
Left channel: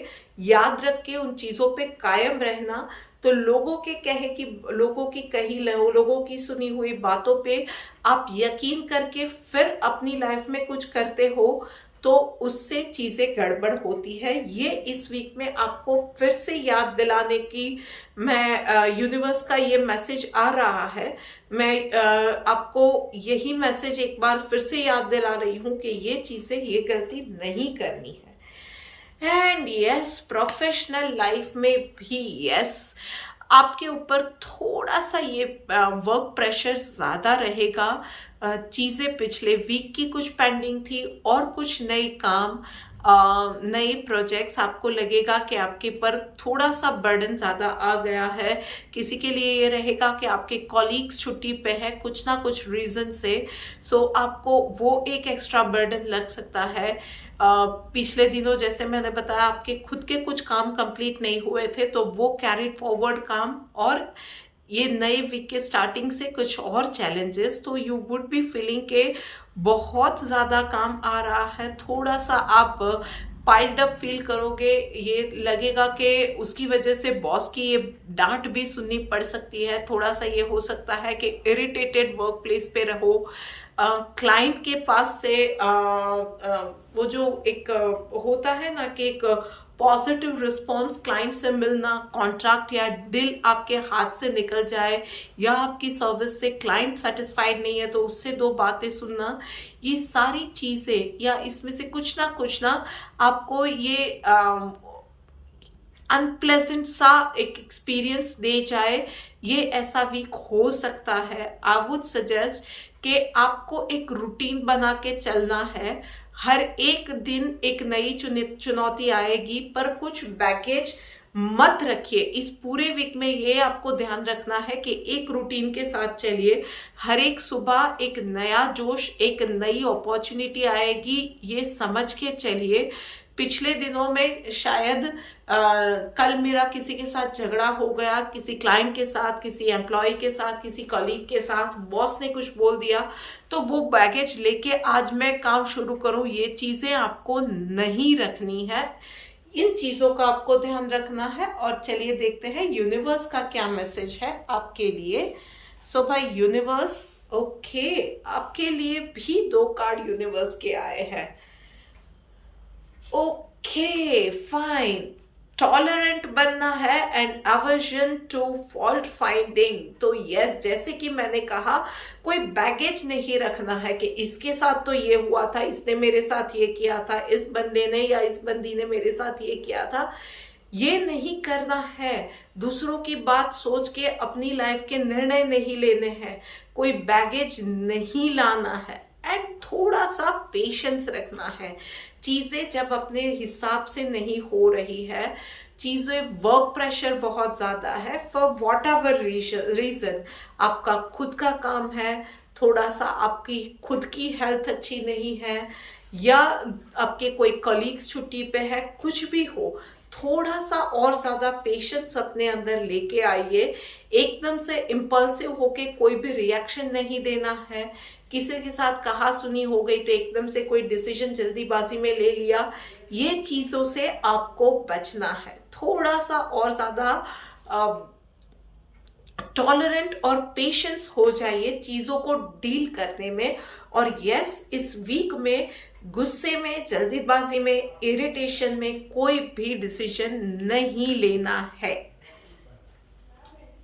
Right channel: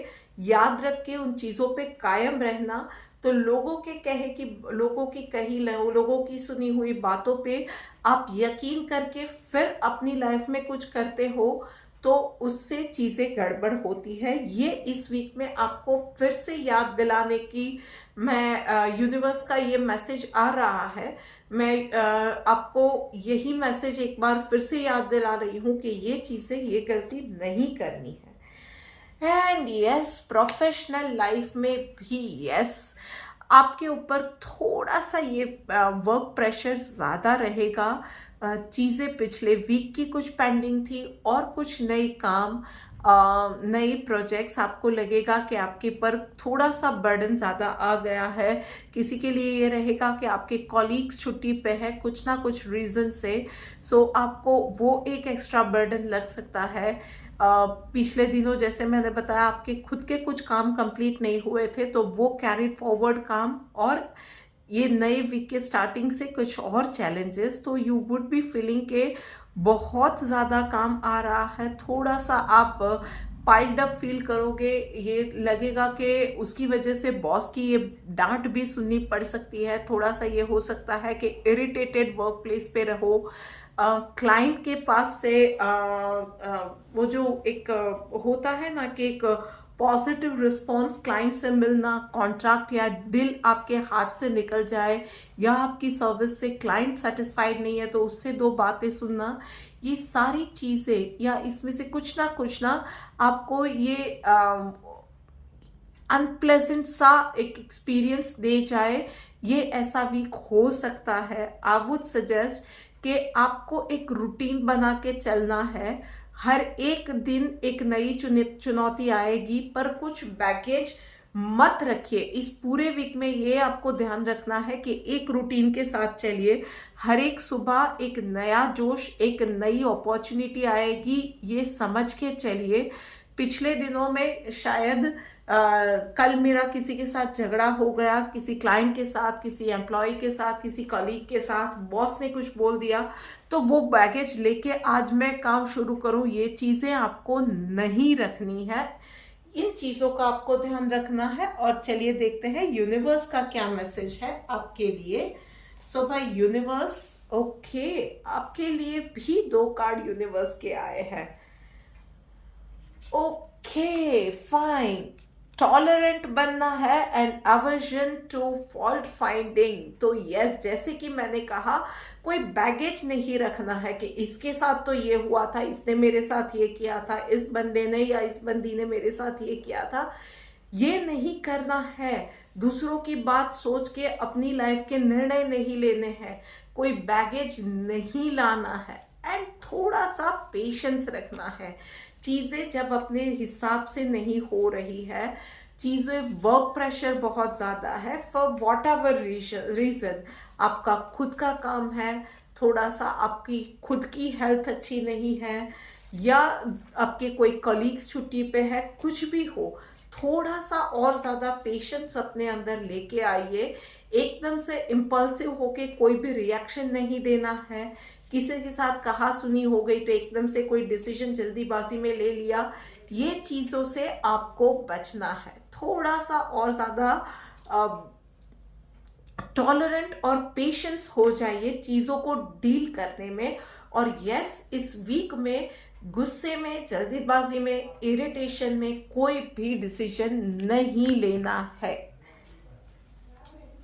याद रख के उन चीज़ों पे कायम रहना। तो लोगों के कहे कि लोगों की कही लोगों की सुनी हुई बातों पे आप यकीन करके फिर अपनी लाइफ में कुछ करते हो तो उससे चीज़ें गड़बड़ होती है। ये इस वीक में आपको फिर से याद दिलाने की मैं यूनिवर्स का ये मैसेज आ रहा है। मैं आपको यही मैसेज एक बार फिर से याद दिला रही हूँ कि ये चीज़ें, ये गलती नहीं करनी है। एंड यस, प्रोफेशनल लाइफ में भी यस, आपके ऊपर थोड़ा सा ये वर्क प्रेशर ज़्यादा रहेगा। चीज़ें पिछले वीक की कुछ पेंडिंग थी और कुछ नए काम, नए प्रोजेक्ट्स, आपको लगेगा कि आपके पर थोड़ा सा बर्डन ज़्यादा आ गया है। किसी के लिए ये रहेगा कि आपके कॉलीग्स छुट्टी पे है कुछ ना कुछ रीज़न से, सो आपको वो एक एक्स्ट्रा बर्डन लग सकता है। पिछले दिनों जैसे मैंने बताया आपके खुद के कुछ काम कंप्लीट नहीं हुए थे, तो वो कैरिड फॉरवर्ड काम, और ये नए वीक के स्टार्टिंग से कुछ और चैलेंजेस, तो यू वुड बी फीलिंग के बहुत ज़्यादा काम आ रहा है। थोड़ा सा आप पाइल्ड अप फील करोगे, ये लगेगा कि उसकी वजह से बॉस की ये डांट भी सुननी पड़ सकती है। थोड़ा सा ये हो सकता है कि इरिटेटेड वर्क प्लेस पे रहो। क्लाइंट के पास से वो जो एक होता है ना कि एक पॉजिटिव रिस्पॉन्स क्लाइंट से मिलना, कॉन्ट्रैक्ट या डील आपके हाथ से निकल जाए, या आपकी सर्विस से क्लाइंट सेटिस्फाइड नहीं है तो उससे दो बातें सुनना, ये सारी चीज़ें या इसमें से कुछ ना आपको ये अनप्लेजेंट सा एक एक्सपीरियंस दे जाए, ये ऐसा वीक हो सकता है। आई वुड सजेस्ट कि आपको एक रूटीन बना के चलना है। हर एक दिन एक नई चुनौती आएगी, पर कुछ बैगेज मत रखिए इस पूरे वीक में। ये आपको ध्यान रखना है कि एक रूटीन के साथ चलिए। हर एक सुबह एक नया जोश, एक नई अपॉर्चुनिटी आएगी, ये समझ के चलिए। पिछले दिनों में शायद कल मेरा किसी के साथ झगड़ा हो गया, किसी क्लाइंट के साथ, किसी एम्प्लॉय के साथ, किसी कलीग के साथ, बॉस ने कुछ बोल दिया, तो वो बैगेज लेके आज मैं काम शुरू करूं, ये चीज़ें आपको नहीं रखनी है। इन चीज़ों का आपको ध्यान रखना है। और चलिए देखते हैं यूनिवर्स का क्या मैसेज है आपके लिए। सो भाई यूनिवर्स, ओके, आपके लिए भी 2 कार्ड यूनिवर्स के आए हैं। ओके फाइन, टॉलरेंट बनना है and aversion to fault finding. तो यस, जैसे कि मैंने कहा, कोई बैगेज नहीं रखना है कि इसके साथ तो ये हुआ था, इसने मेरे साथ ये किया था, इस बंदे ने या इस बंदी ने मेरे साथ ये किया था। ये नहीं करना है। दूसरों की बात सोच के अपनी लाइफ के निर्णय नहीं लेने हैं। कोई बैगेज नहीं लाना है एंड थोड़ा सा पेशेंस रखना है। चीज़ें जब अपने हिसाब से नहीं हो रही है, चीज़ें वर्क प्रेशर बहुत ज़्यादा है, फॉर वॉट एवर रीज़न, आपका खुद का काम है, थोड़ा सा आपकी खुद की हेल्थ अच्छी नहीं है, या आपके कोई कलीग्स छुट्टी पे है, कुछ भी हो, थोड़ा सा और ज़्यादा पेशेंस अपने अंदर लेके आइए। एकदम से इम्पल्सिव होके कोई भी रिएक्शन नहीं देना है। किसी के साथ कहा सुनी हो गई तो एकदम से कोई डिसीजन जल्दीबाजी में ले लिया, ये चीज़ों से आपको बचना है। थोड़ा सा और ज़्यादा टॉलरेंट और पेशेंस हो जाइए चीज़ों को डील करने में। और यस, इस वीक में गुस्से में, जल्दीबाजी में, इरिटेशन में कोई भी डिसीजन नहीं लेना है।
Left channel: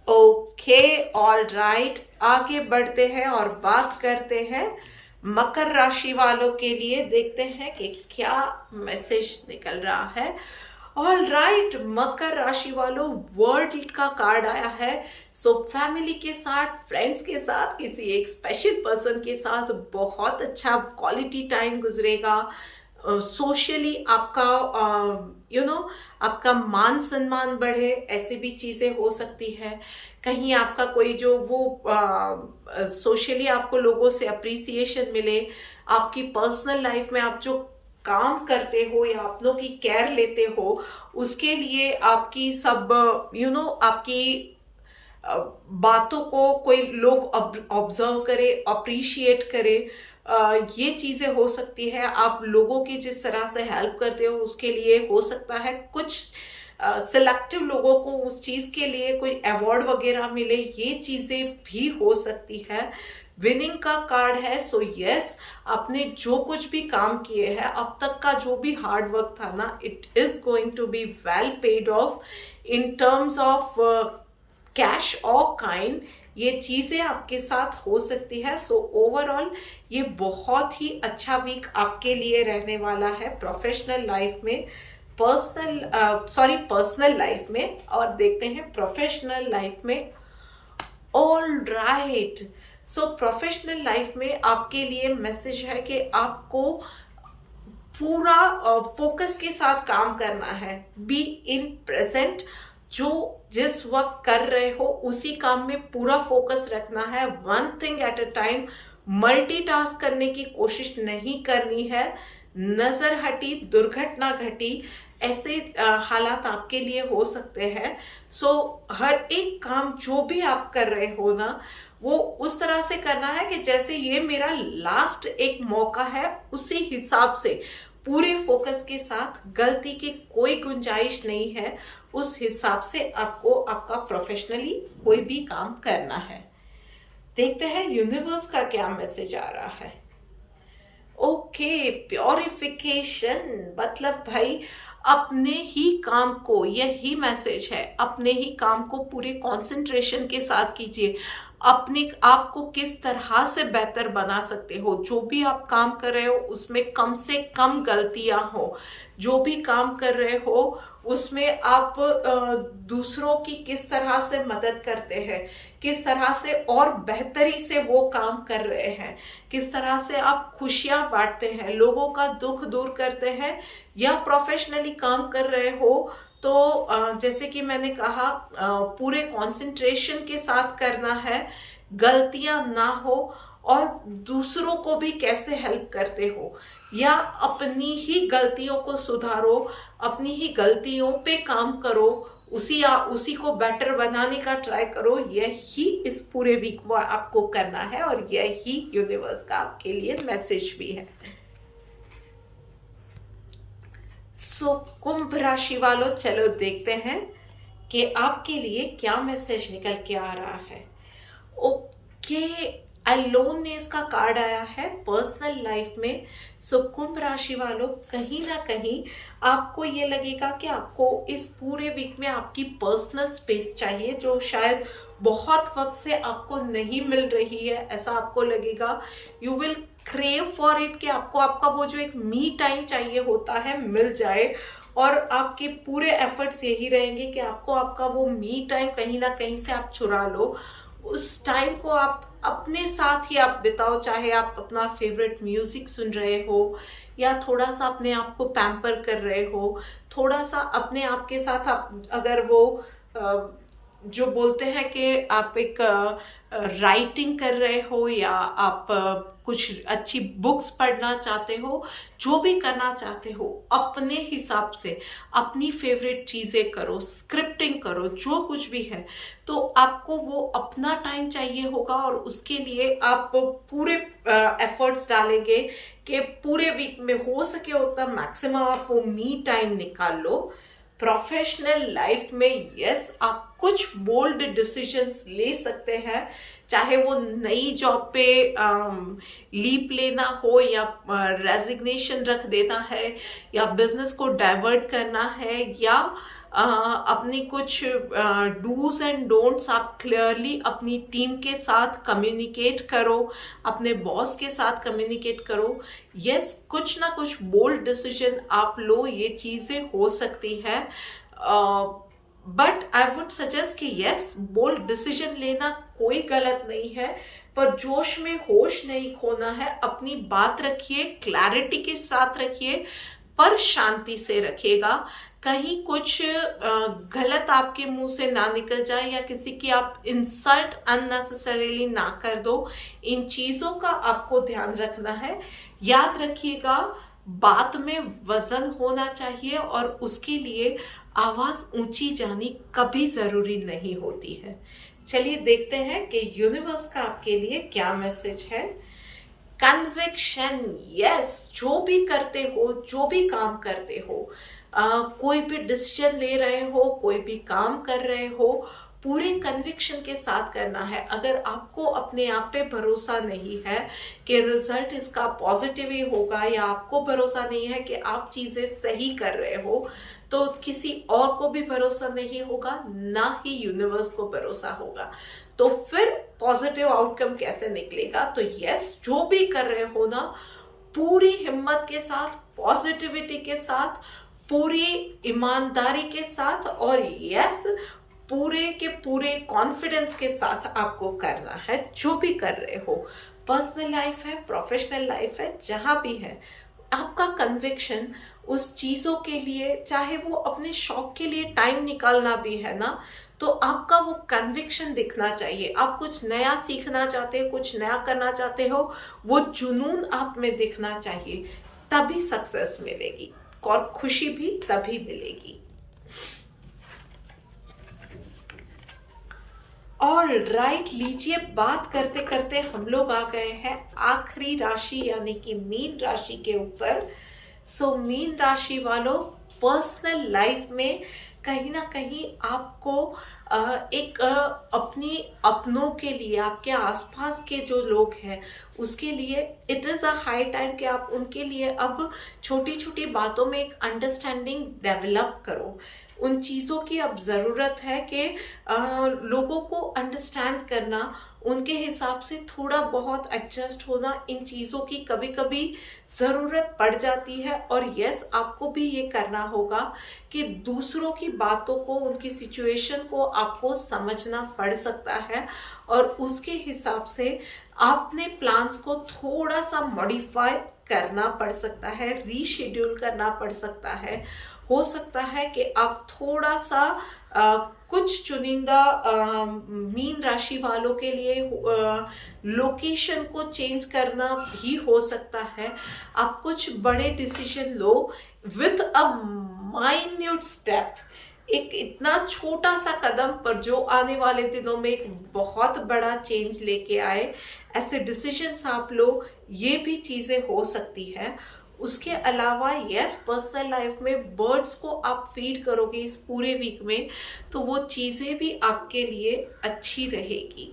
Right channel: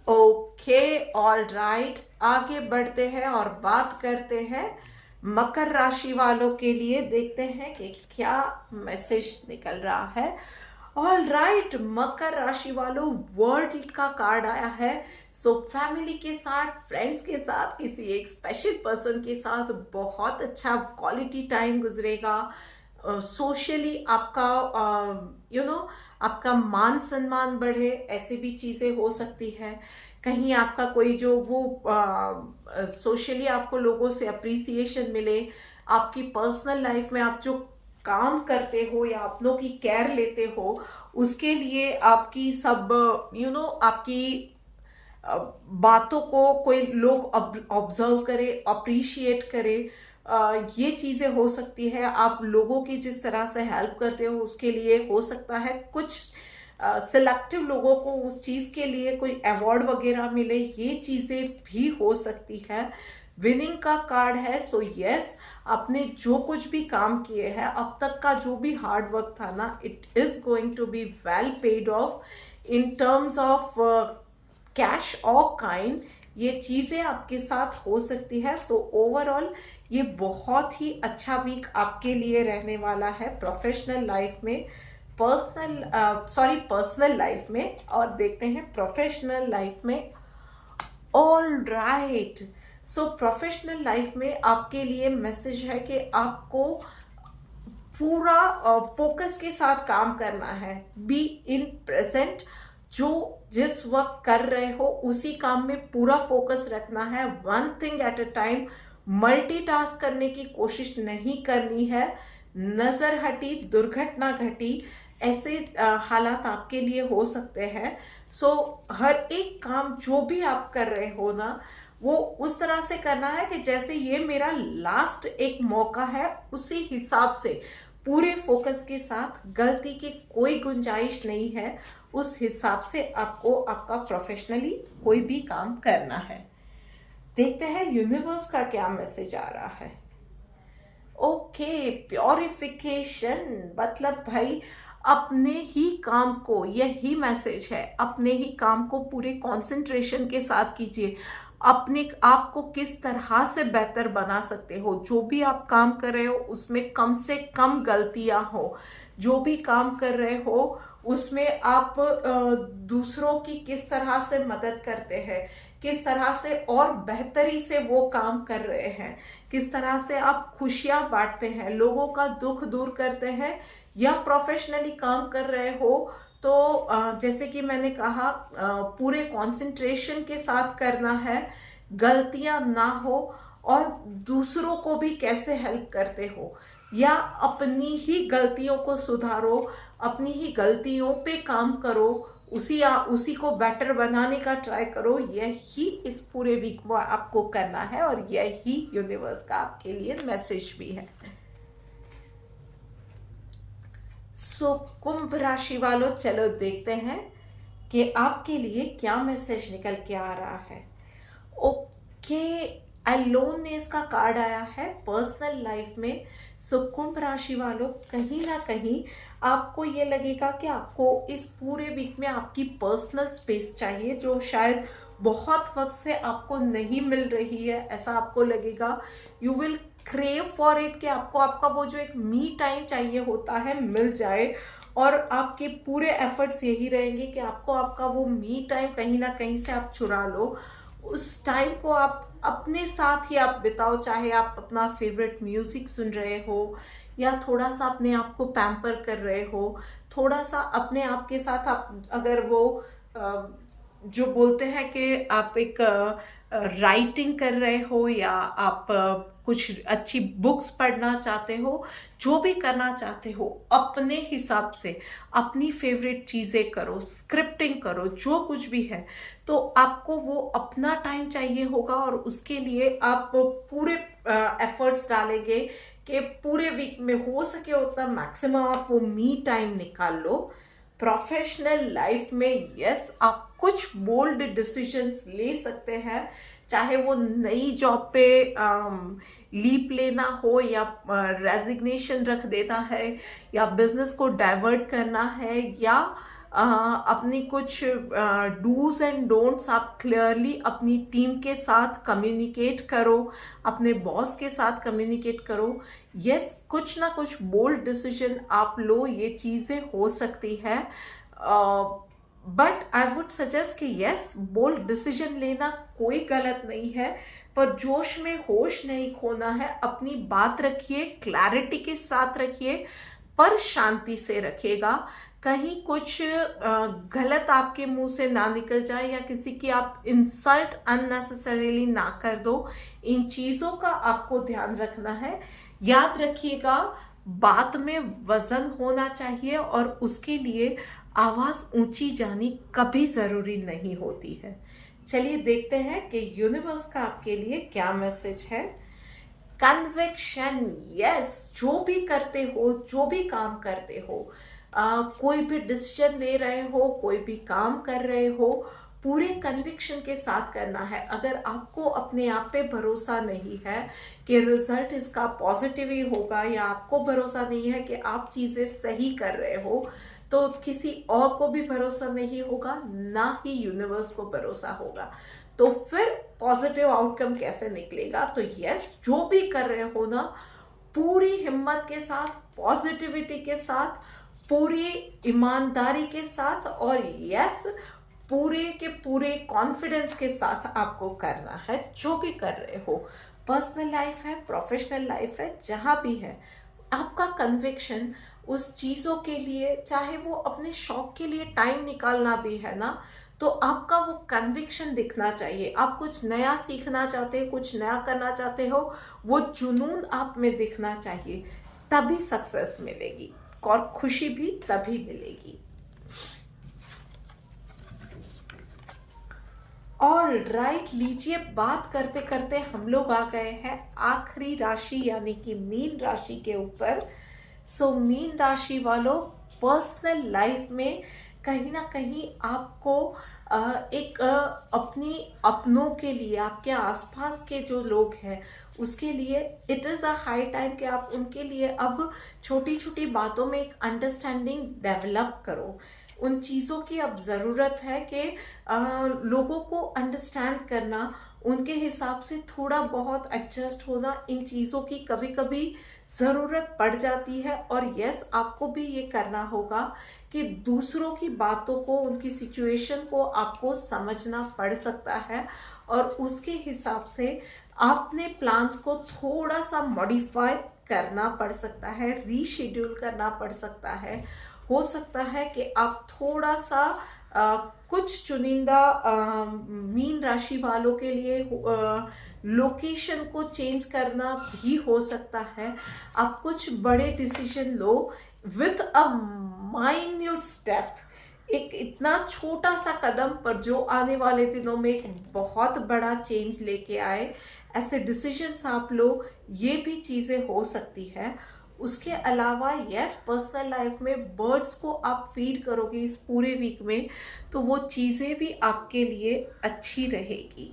ओके, ऑल राइट, आगे बढ़ते हैं और बात करते हैं मकर राशि वालों के लिए। देखते हैं कि क्या मैसेज निकल रहा है। ऑल राइट, मकर राशि वालों, वर्ल्ड का कार्ड आया है। सो फैमिली के साथ, फ्रेंड्स के साथ, किसी एक स्पेशल पर्सन के साथ बहुत अच्छा क्वालिटी टाइम गुजरेगा। सोशली आपका आपका मान सम्मान बढ़े, ऐसी भी चीज़ें हो सकती है। कहीं आपका कोई जो वो सोशली आपको लोगों से अप्रिसिएशन मिले। आपकी पर्सनल लाइफ में आप जो काम करते हो या अपनों की केयर लेते हो, उसके लिए आपकी सब आपकी बातों को कोई लोग ऑब्जर्व करे, अप्रिशिएट करे। ये चीज़ें हो सकती है। आप लोगों की जिस तरह से हेल्प करते हो उसके लिए हो सकता है कुछ सिलेक्टिव लोगों को उस चीज़ के लिए कोई अवार्ड वगैरह मिले, ये चीज़ें भी हो सकती है। विनिंग का कार्ड है। सो यस, आपने जो कुछ भी काम किए हैं अब तक का, जो भी हार्ड वर्क था ना, it is going to be well paid off in terms of cash और काइंड। ये चीज़ें आपके साथ हो सकती है। सो ओवरऑल ये बहुत ही अच्छा वीक आपके लिए रहने वाला है प्रोफेशनल लाइफ में, पर्सनल लाइफ में, और देखते हैं प्रोफेशनल लाइफ में। ऑल राइट, सो प्रोफेशनल लाइफ में आपके लिए मैसेज है कि आपको पूरा फोकस के साथ काम करना है। बी इन प्रेजेंट, जो जिस वक्त कर रहे हो उसी काम में पूरा फोकस रखना है। One thing at a time, multitask करने की कोशिश नहीं करनी है। नजर हटी, दुर्घटना घटी, ऐसे हालात आपके लिए हो सकते हैं। सो हर एक काम जो भी आप कर रहे हो ना, वो उस तरह से करना है कि जैसे ये मेरा लास्ट एक मौका है, उसी हिसाब से पूरे फोकस के साथ, गलती की कोई गुंजाइश नहीं है, उस हिसाब से आपको आपका प्रोफेशनली कोई भी काम करना है। देखते हैं यूनिवर्स का क्या मैसेज आ रहा है। ओके, प्योरिफिकेशन, मतलब भाई अपने ही काम को, यही मैसेज है, अपने ही काम को पूरे कंसंट्रेशन के साथ कीजिए। अपने आप को किस तरह से बेहतर बना सकते हो, जो भी आप काम कर रहे हो उसमें कम से कम गलतियां हो। जो भी काम कर रहे हो उसमें आप दूसरों की किस तरह से मदद करते हैं, किस तरह से और बेहतरी से वो काम कर रहे हैं, किस तरह से आप खुशियां बांटते हैं, लोगों का दुख दूर करते हैं, या प्रोफेशनली काम कर रहे हो तो जैसे कि मैंने कहा पूरे कंसंट्रेशन के साथ करना है, गलतियां ना हो, और दूसरों को भी कैसे हेल्प करते हो या अपनी ही गलतियों को सुधारो, अपनी ही गलतियों पे काम करो, उसी को बेटर बनाने का ट्राई करो। यही इस पूरे वीक में आपको करना है और यही यूनिवर्स का आपके लिए मैसेज भी है। सो कुंभ राशि वालों, चलो देखते हैं कि आपके लिए क्या मैसेज निकल के आ रहा है। ओके, अलोननेस का कार्ड आया है पर्सनल लाइफ में। सो कुंभ राशि वालों, कहीं ना कहीं आपको ये लगेगा कि आपको इस पूरे वीक में आपकी पर्सनल स्पेस चाहिए, जो शायद बहुत वक्त से आपको नहीं मिल रही है। ऐसा आपको लगेगा, you will crave for it, कि आपको आपका वो जो एक मी टाइम चाहिए होता है मिल जाए, और आपके पूरे एफर्ट्स यही रहेंगे कि आपको आपका वो मी टाइम कहीं ना कहीं से आप चुरा लो। उस टाइम को आप अपने साथ ही आप बिताओ, चाहे आप अपना फेवरेट म्यूजिक सुन रहे हो या थोड़ा सा अपने आप को पैम्पर कर रहे हो, थोड़ा सा अपने आप के साथ आप अगर वो जो बोलते हैं कि आप एक राइटिंग कर रहे हो या आप कुछ अच्छी बुक्स पढ़ना चाहते हो, जो भी करना चाहते हो अपने हिसाब से अपनी फेवरेट चीज़ें करो, स्क्रिप्टिंग करो, जो कुछ भी है, तो आपको वो अपना टाइम चाहिए होगा। और उसके लिए आप पूरे एफर्ट्स डालेंगे कि पूरे वीक में हो सके उतना मैक्सिमम आप वो मी टाइम निकाल लो। प्रोफेशनल लाइफ में यस, आप कुछ बोल्ड डिसीजंस ले सकते हैं, चाहे वो नई जॉब पे लीप लेना हो या रेजिग्नेशन रख देना है या बिजनेस को डाइवर्ट करना है या अपनी कुछ डूज एंड डोंट्स आप क्लियरली अपनी टीम के साथ कम्युनिकेट करो, अपने बॉस के साथ कम्युनिकेट करो। यस, कुछ ना कुछ बोल्ड डिसीजन आप लो, ये चीज़ें हो सकती है। बट आई वुड सजेस्ट कि यस, बोल्ड डिसीजन लेना कोई गलत नहीं है, पर जोश में होश नहीं खोना है। अपनी बात रखिए, क्लैरिटी के साथ रखिए, पर शांति से रखिएगा। कहीं कुछ गलत आपके मुंह से ना निकल जाए या किसी की आप इंसल्ट अननेसेसरीली ना कर दो। इन चीज़ों का आपको ध्यान रखना है। याद रखिएगा, बात में वजन होना चाहिए और उसके लिए आवाज़ ऊंची जानी कभी ज़रूरी नहीं होती है। चलिए देखते हैं कि यूनिवर्स का आपके लिए क्या मैसेज है। कन्विक्शन, यस, जो भी करते हो, जो भी काम करते हो, कोई भी डिसीजन ले रहे हो, कोई भी काम कर रहे हो, पूरे कन्विक्शन के साथ करना है। अगर आपको अपने आप पे भरोसा नहीं है कि रिजल्ट इसका पॉजिटिव ही होगा, या आपको भरोसा नहीं है कि आप चीज़ें सही कर रहे हो, तो किसी और को भी भरोसा नहीं होगा, ना ही यूनिवर्स को भरोसा होगा। तो फिर पॉजिटिव आउटकम कैसे निकलेगा? तो यस, जो भी कर रहे हो ना, पूरी हिम्मत के साथ, पॉजिटिविटी के साथ, पूरी ईमानदारी के साथ, और यस, पूरे के पूरे कॉन्फिडेंस के साथ आपको करना है जो भी कर रहे हो। पर्सनल लाइफ है, प्रोफेशनल लाइफ है, जहां भी है, आपका कन्विक्शन उस चीज़ों के लिए, चाहे वो अपने शौक के लिए टाइम निकालना भी है ना, तो आपका वो कन्विक्शन दिखना चाहिए। आप कुछ नया सीखना चाहते हो, कुछ नया करना चाहते हो, वो जुनून आप में दिखना चाहिए, तभी सक्सेस मिलेगी और खुशी भी तभी मिलेगी। और राइट, लीजिए, बात करते करते हम लोग आ गए हैं आखिरी राशि यानी कि मीन राशि के ऊपर। सो मीन राशि वालों, पर्सनल लाइफ में कहीं ना कहीं आपको एक अपने अपनों के लिए, आपके आसपास के जो लोग हैं उसके लिए it is a high time कि आप उनके लिए अब छोटी छोटी बातों में एक अंडरस्टैंडिंग डेवलप करो। उन चीज़ों की अब ज़रूरत है कि लोगों को अंडरस्टैंड करना, उनके हिसाब से थोड़ा बहुत एडजस्ट होना, इन चीज़ों की कभी कभी ज़रूरत पड़ जाती है। और यस, आपको भी ये करना होगा कि दूसरों की बातों को, उनकी सिचुएशन को आपको समझना पड़ सकता है और उसके हिसाब से आपने प्लान्स को थोड़ा सा मॉडिफाई करना पड़ सकता है, रीशेड्यूल करना पड़ सकता है। हो सकता है कि आप थोड़ा सा कुछ चुनिंदा मीन राशि वालों के लिए लोकेशन को चेंज करना भी हो सकता है। आप कुछ बड़े decision low with a minute step, एक इतना छोटा सा कदम पर जो आने वाले दिनों में एक बहुत बड़ा चेंज लेके आए। ऐसे डिसीजंस आप लो, ये भी चीज़ें हो सकती है। उसके अलावा यस, पर्सनल लाइफ में बर्ड्स को आप फीड करोगे इस पूरे वीक में तो वो चीज़ें भी आपके लिए अच्छी रहेगी।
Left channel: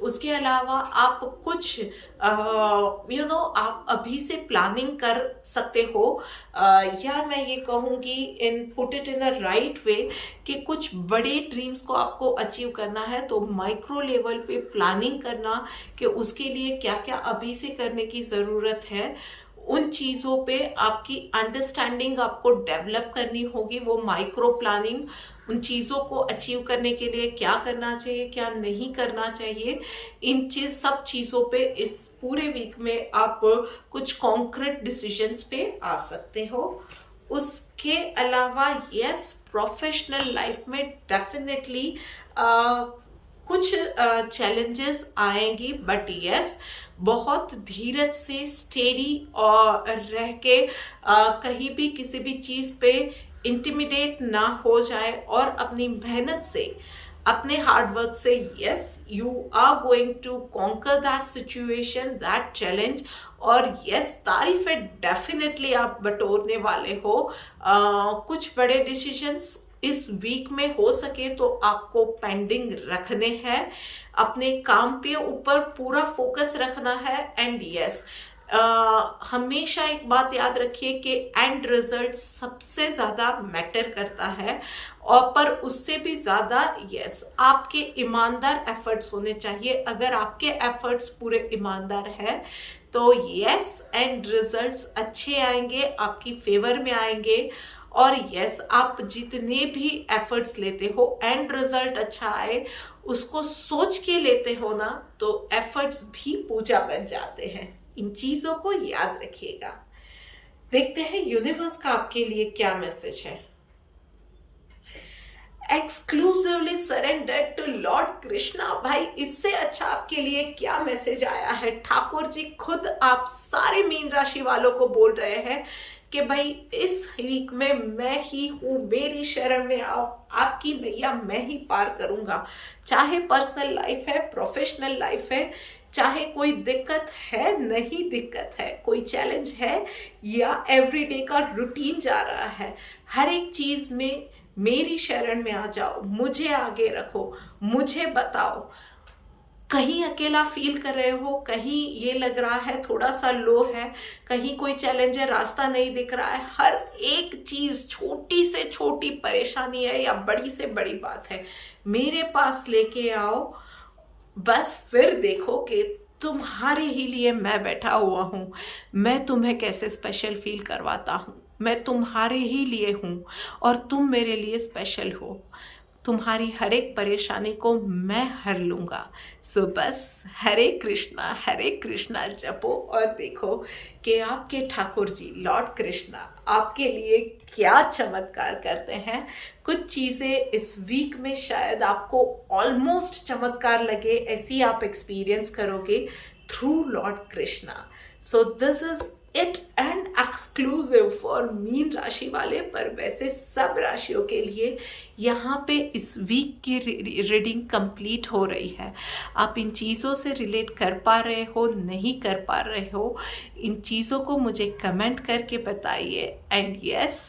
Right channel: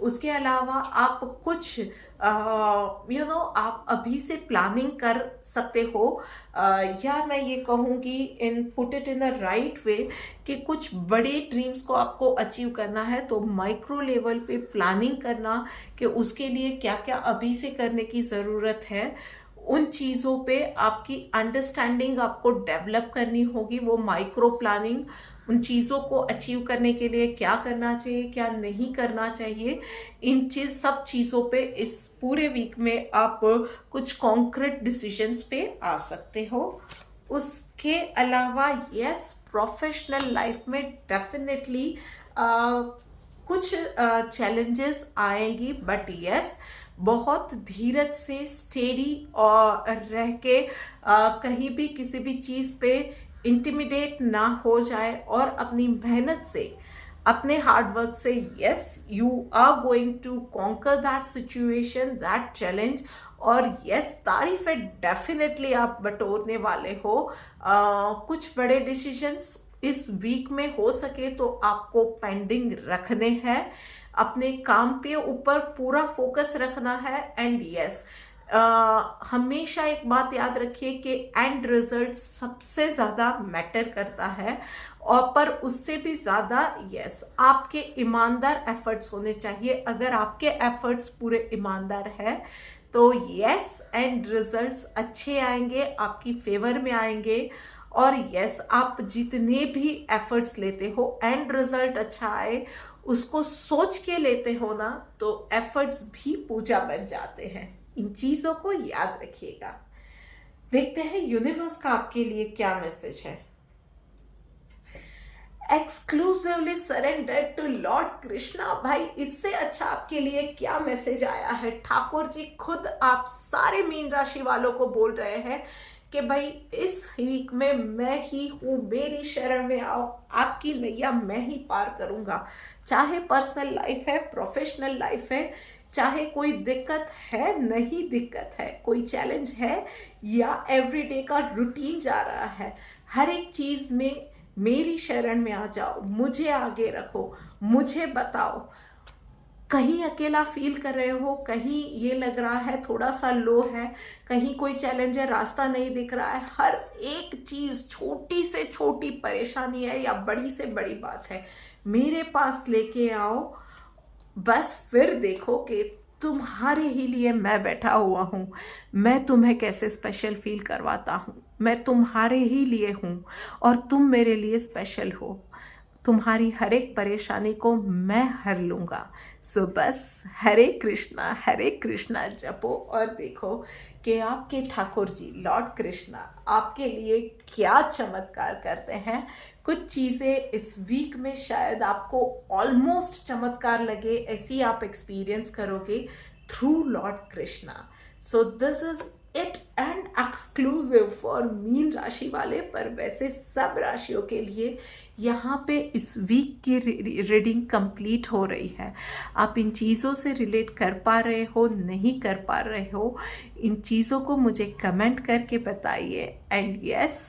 उसके अलावा आप कुछ आप अभी से प्लानिंग कर सकते हो, या मैं ये कहूँगी in put it in a right way कि कुछ बड़े ड्रीम्स को आपको अचीव करना है तो माइक्रो लेवल पे प्लानिंग करना कि उसके लिए क्या क्या अभी से करने की ज़रूरत है। उन चीज़ों पे आपकी अंडरस्टैंडिंग आपको डेवलप करनी होगी, वो माइक्रो प्लानिंग, उन चीज़ों को अचीव करने के लिए क्या करना चाहिए, क्या नहीं करना चाहिए, इन सब चीज़ों पे इस पूरे वीक में आप कुछ कॉन्क्रीट डिसीजंस पे आ सकते हो। उसके अलावा यस, प्रोफेशनल लाइफ में डेफिनेटली कुछ चैलेंजेस आएंगी, बट यस, बहुत धीरज से स्टेडी और रह के कहीं भी किसी भी चीज़ पे इंटिमिडेट ना हो जाए और अपनी मेहनत से, अपने हार्ड वर्क से yes, you are going to conquer that situation, that challenge. और यस, तारीफ है डेफिनेटली आप बटोरने वाले हो। कुछ बड़े डिसीजंस इस वीक में हो सके तो आपको पेंडिंग रखने हैं, अपने काम पे ऊपर पूरा फोकस रखना है। एंड यस, हमेशा एक बात याद रखिए कि एंड रिजल्ट सबसे ज़्यादा मैटर करता है, और पर उससे भी ज़्यादा यस, आपके ईमानदार एफर्ट्स होने चाहिए। अगर आपके एफर्ट्स पूरे ईमानदार है तो यस, एंड रिजल्ट्स अच्छे आएंगे, आपकी फेवर में आएंगे। और यस, आप जितने भी एफर्ट्स लेते हो एंड रिजल्ट अच्छा आए उसको सोच के लेते हो ना, तो एफर्ट्स भी पूजा बन जाते हैं। इन चीज़ों को याद रखिएगा। देखते हैं यूनिवर्स का आपके लिए क्या मैसेज है। Exclusively surrender to Lord Krishna. भाई, इससे अच्छा आपके लिए क्या मैसेज आया है। ठाकुर जी खुद आप सारे मीन राशि वालों को बोल रहे हैं कि भाई इस वीक में मैं ही हूँ, मेरी शरण में आओ, आपकी नैया मैं ही पार करूँगा। चाहे पर्सनल लाइफ है, प्रोफेशनल लाइफ है, चाहे कोई दिक्कत है, नहीं दिक्कत है, कोई चैलेंज है, या एवरीडे का रूटीन जा रहा है, हर एक चीज़ में मेरी शरण में आ जाओ, मुझे आगे रखो, मुझे बताओ। कहीं अकेला फील कर रहे हो, कहीं ये लग रहा है थोड़ा सा लो है, कहीं कोई चैलेंज है, रास्ता नहीं दिख रहा है, हर एक चीज़, छोटी से छोटी परेशानी है या बड़ी से बड़ी बात है, मेरे पास लेके आओ। बस फिर देखो कि तुम्हारे ही लिए मैं बैठा हुआ हूँ, मैं तुम्हें कैसे स्पेशल फील करवाता हूँ। मैं तुम्हारे ही लिए हूँ और तुम मेरे लिए स्पेशल हो। तुम्हारी हर एक परेशानी को मैं हर लूँगा। सो बस हरे कृष्णा जपो और देखो कि आपके ठाकुर जी लॉर्ड कृष्णा आपके लिए क्या चमत्कार करते हैं। कुछ चीज़ें इस वीक में शायद आपको ऑलमोस्ट चमत्कार लगे, ऐसी आप एक्सपीरियंस करोगे through Lord Krishna. So this is it and exclusive for mean राशि वाले, पर वैसे सब राशियों के लिए यहाँ पे इस वीक की रीडिंग कंप्लीट हो रही है। आप इन चीज़ों से रिलेट कर पा रहे हो, नहीं कर पा रहे हो, इन चीज़ों को मुझे कमेंट करके बताइए। एंड यस,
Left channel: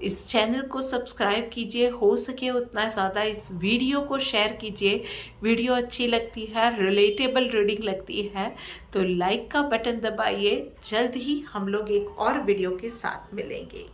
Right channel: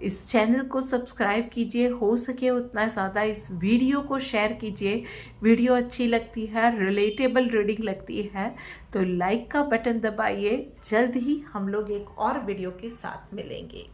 इस चैनल को सब्सक्राइब कीजिए, हो सके उतना ज़्यादा इस वीडियो को शेयर कीजिए। वीडियो अच्छी लगती है, रिलेटेबल रीडिंग लगती है तो लाइक का बटन दबाइए। जल्द ही हम लोग एक और वीडियो के साथ मिलेंगे।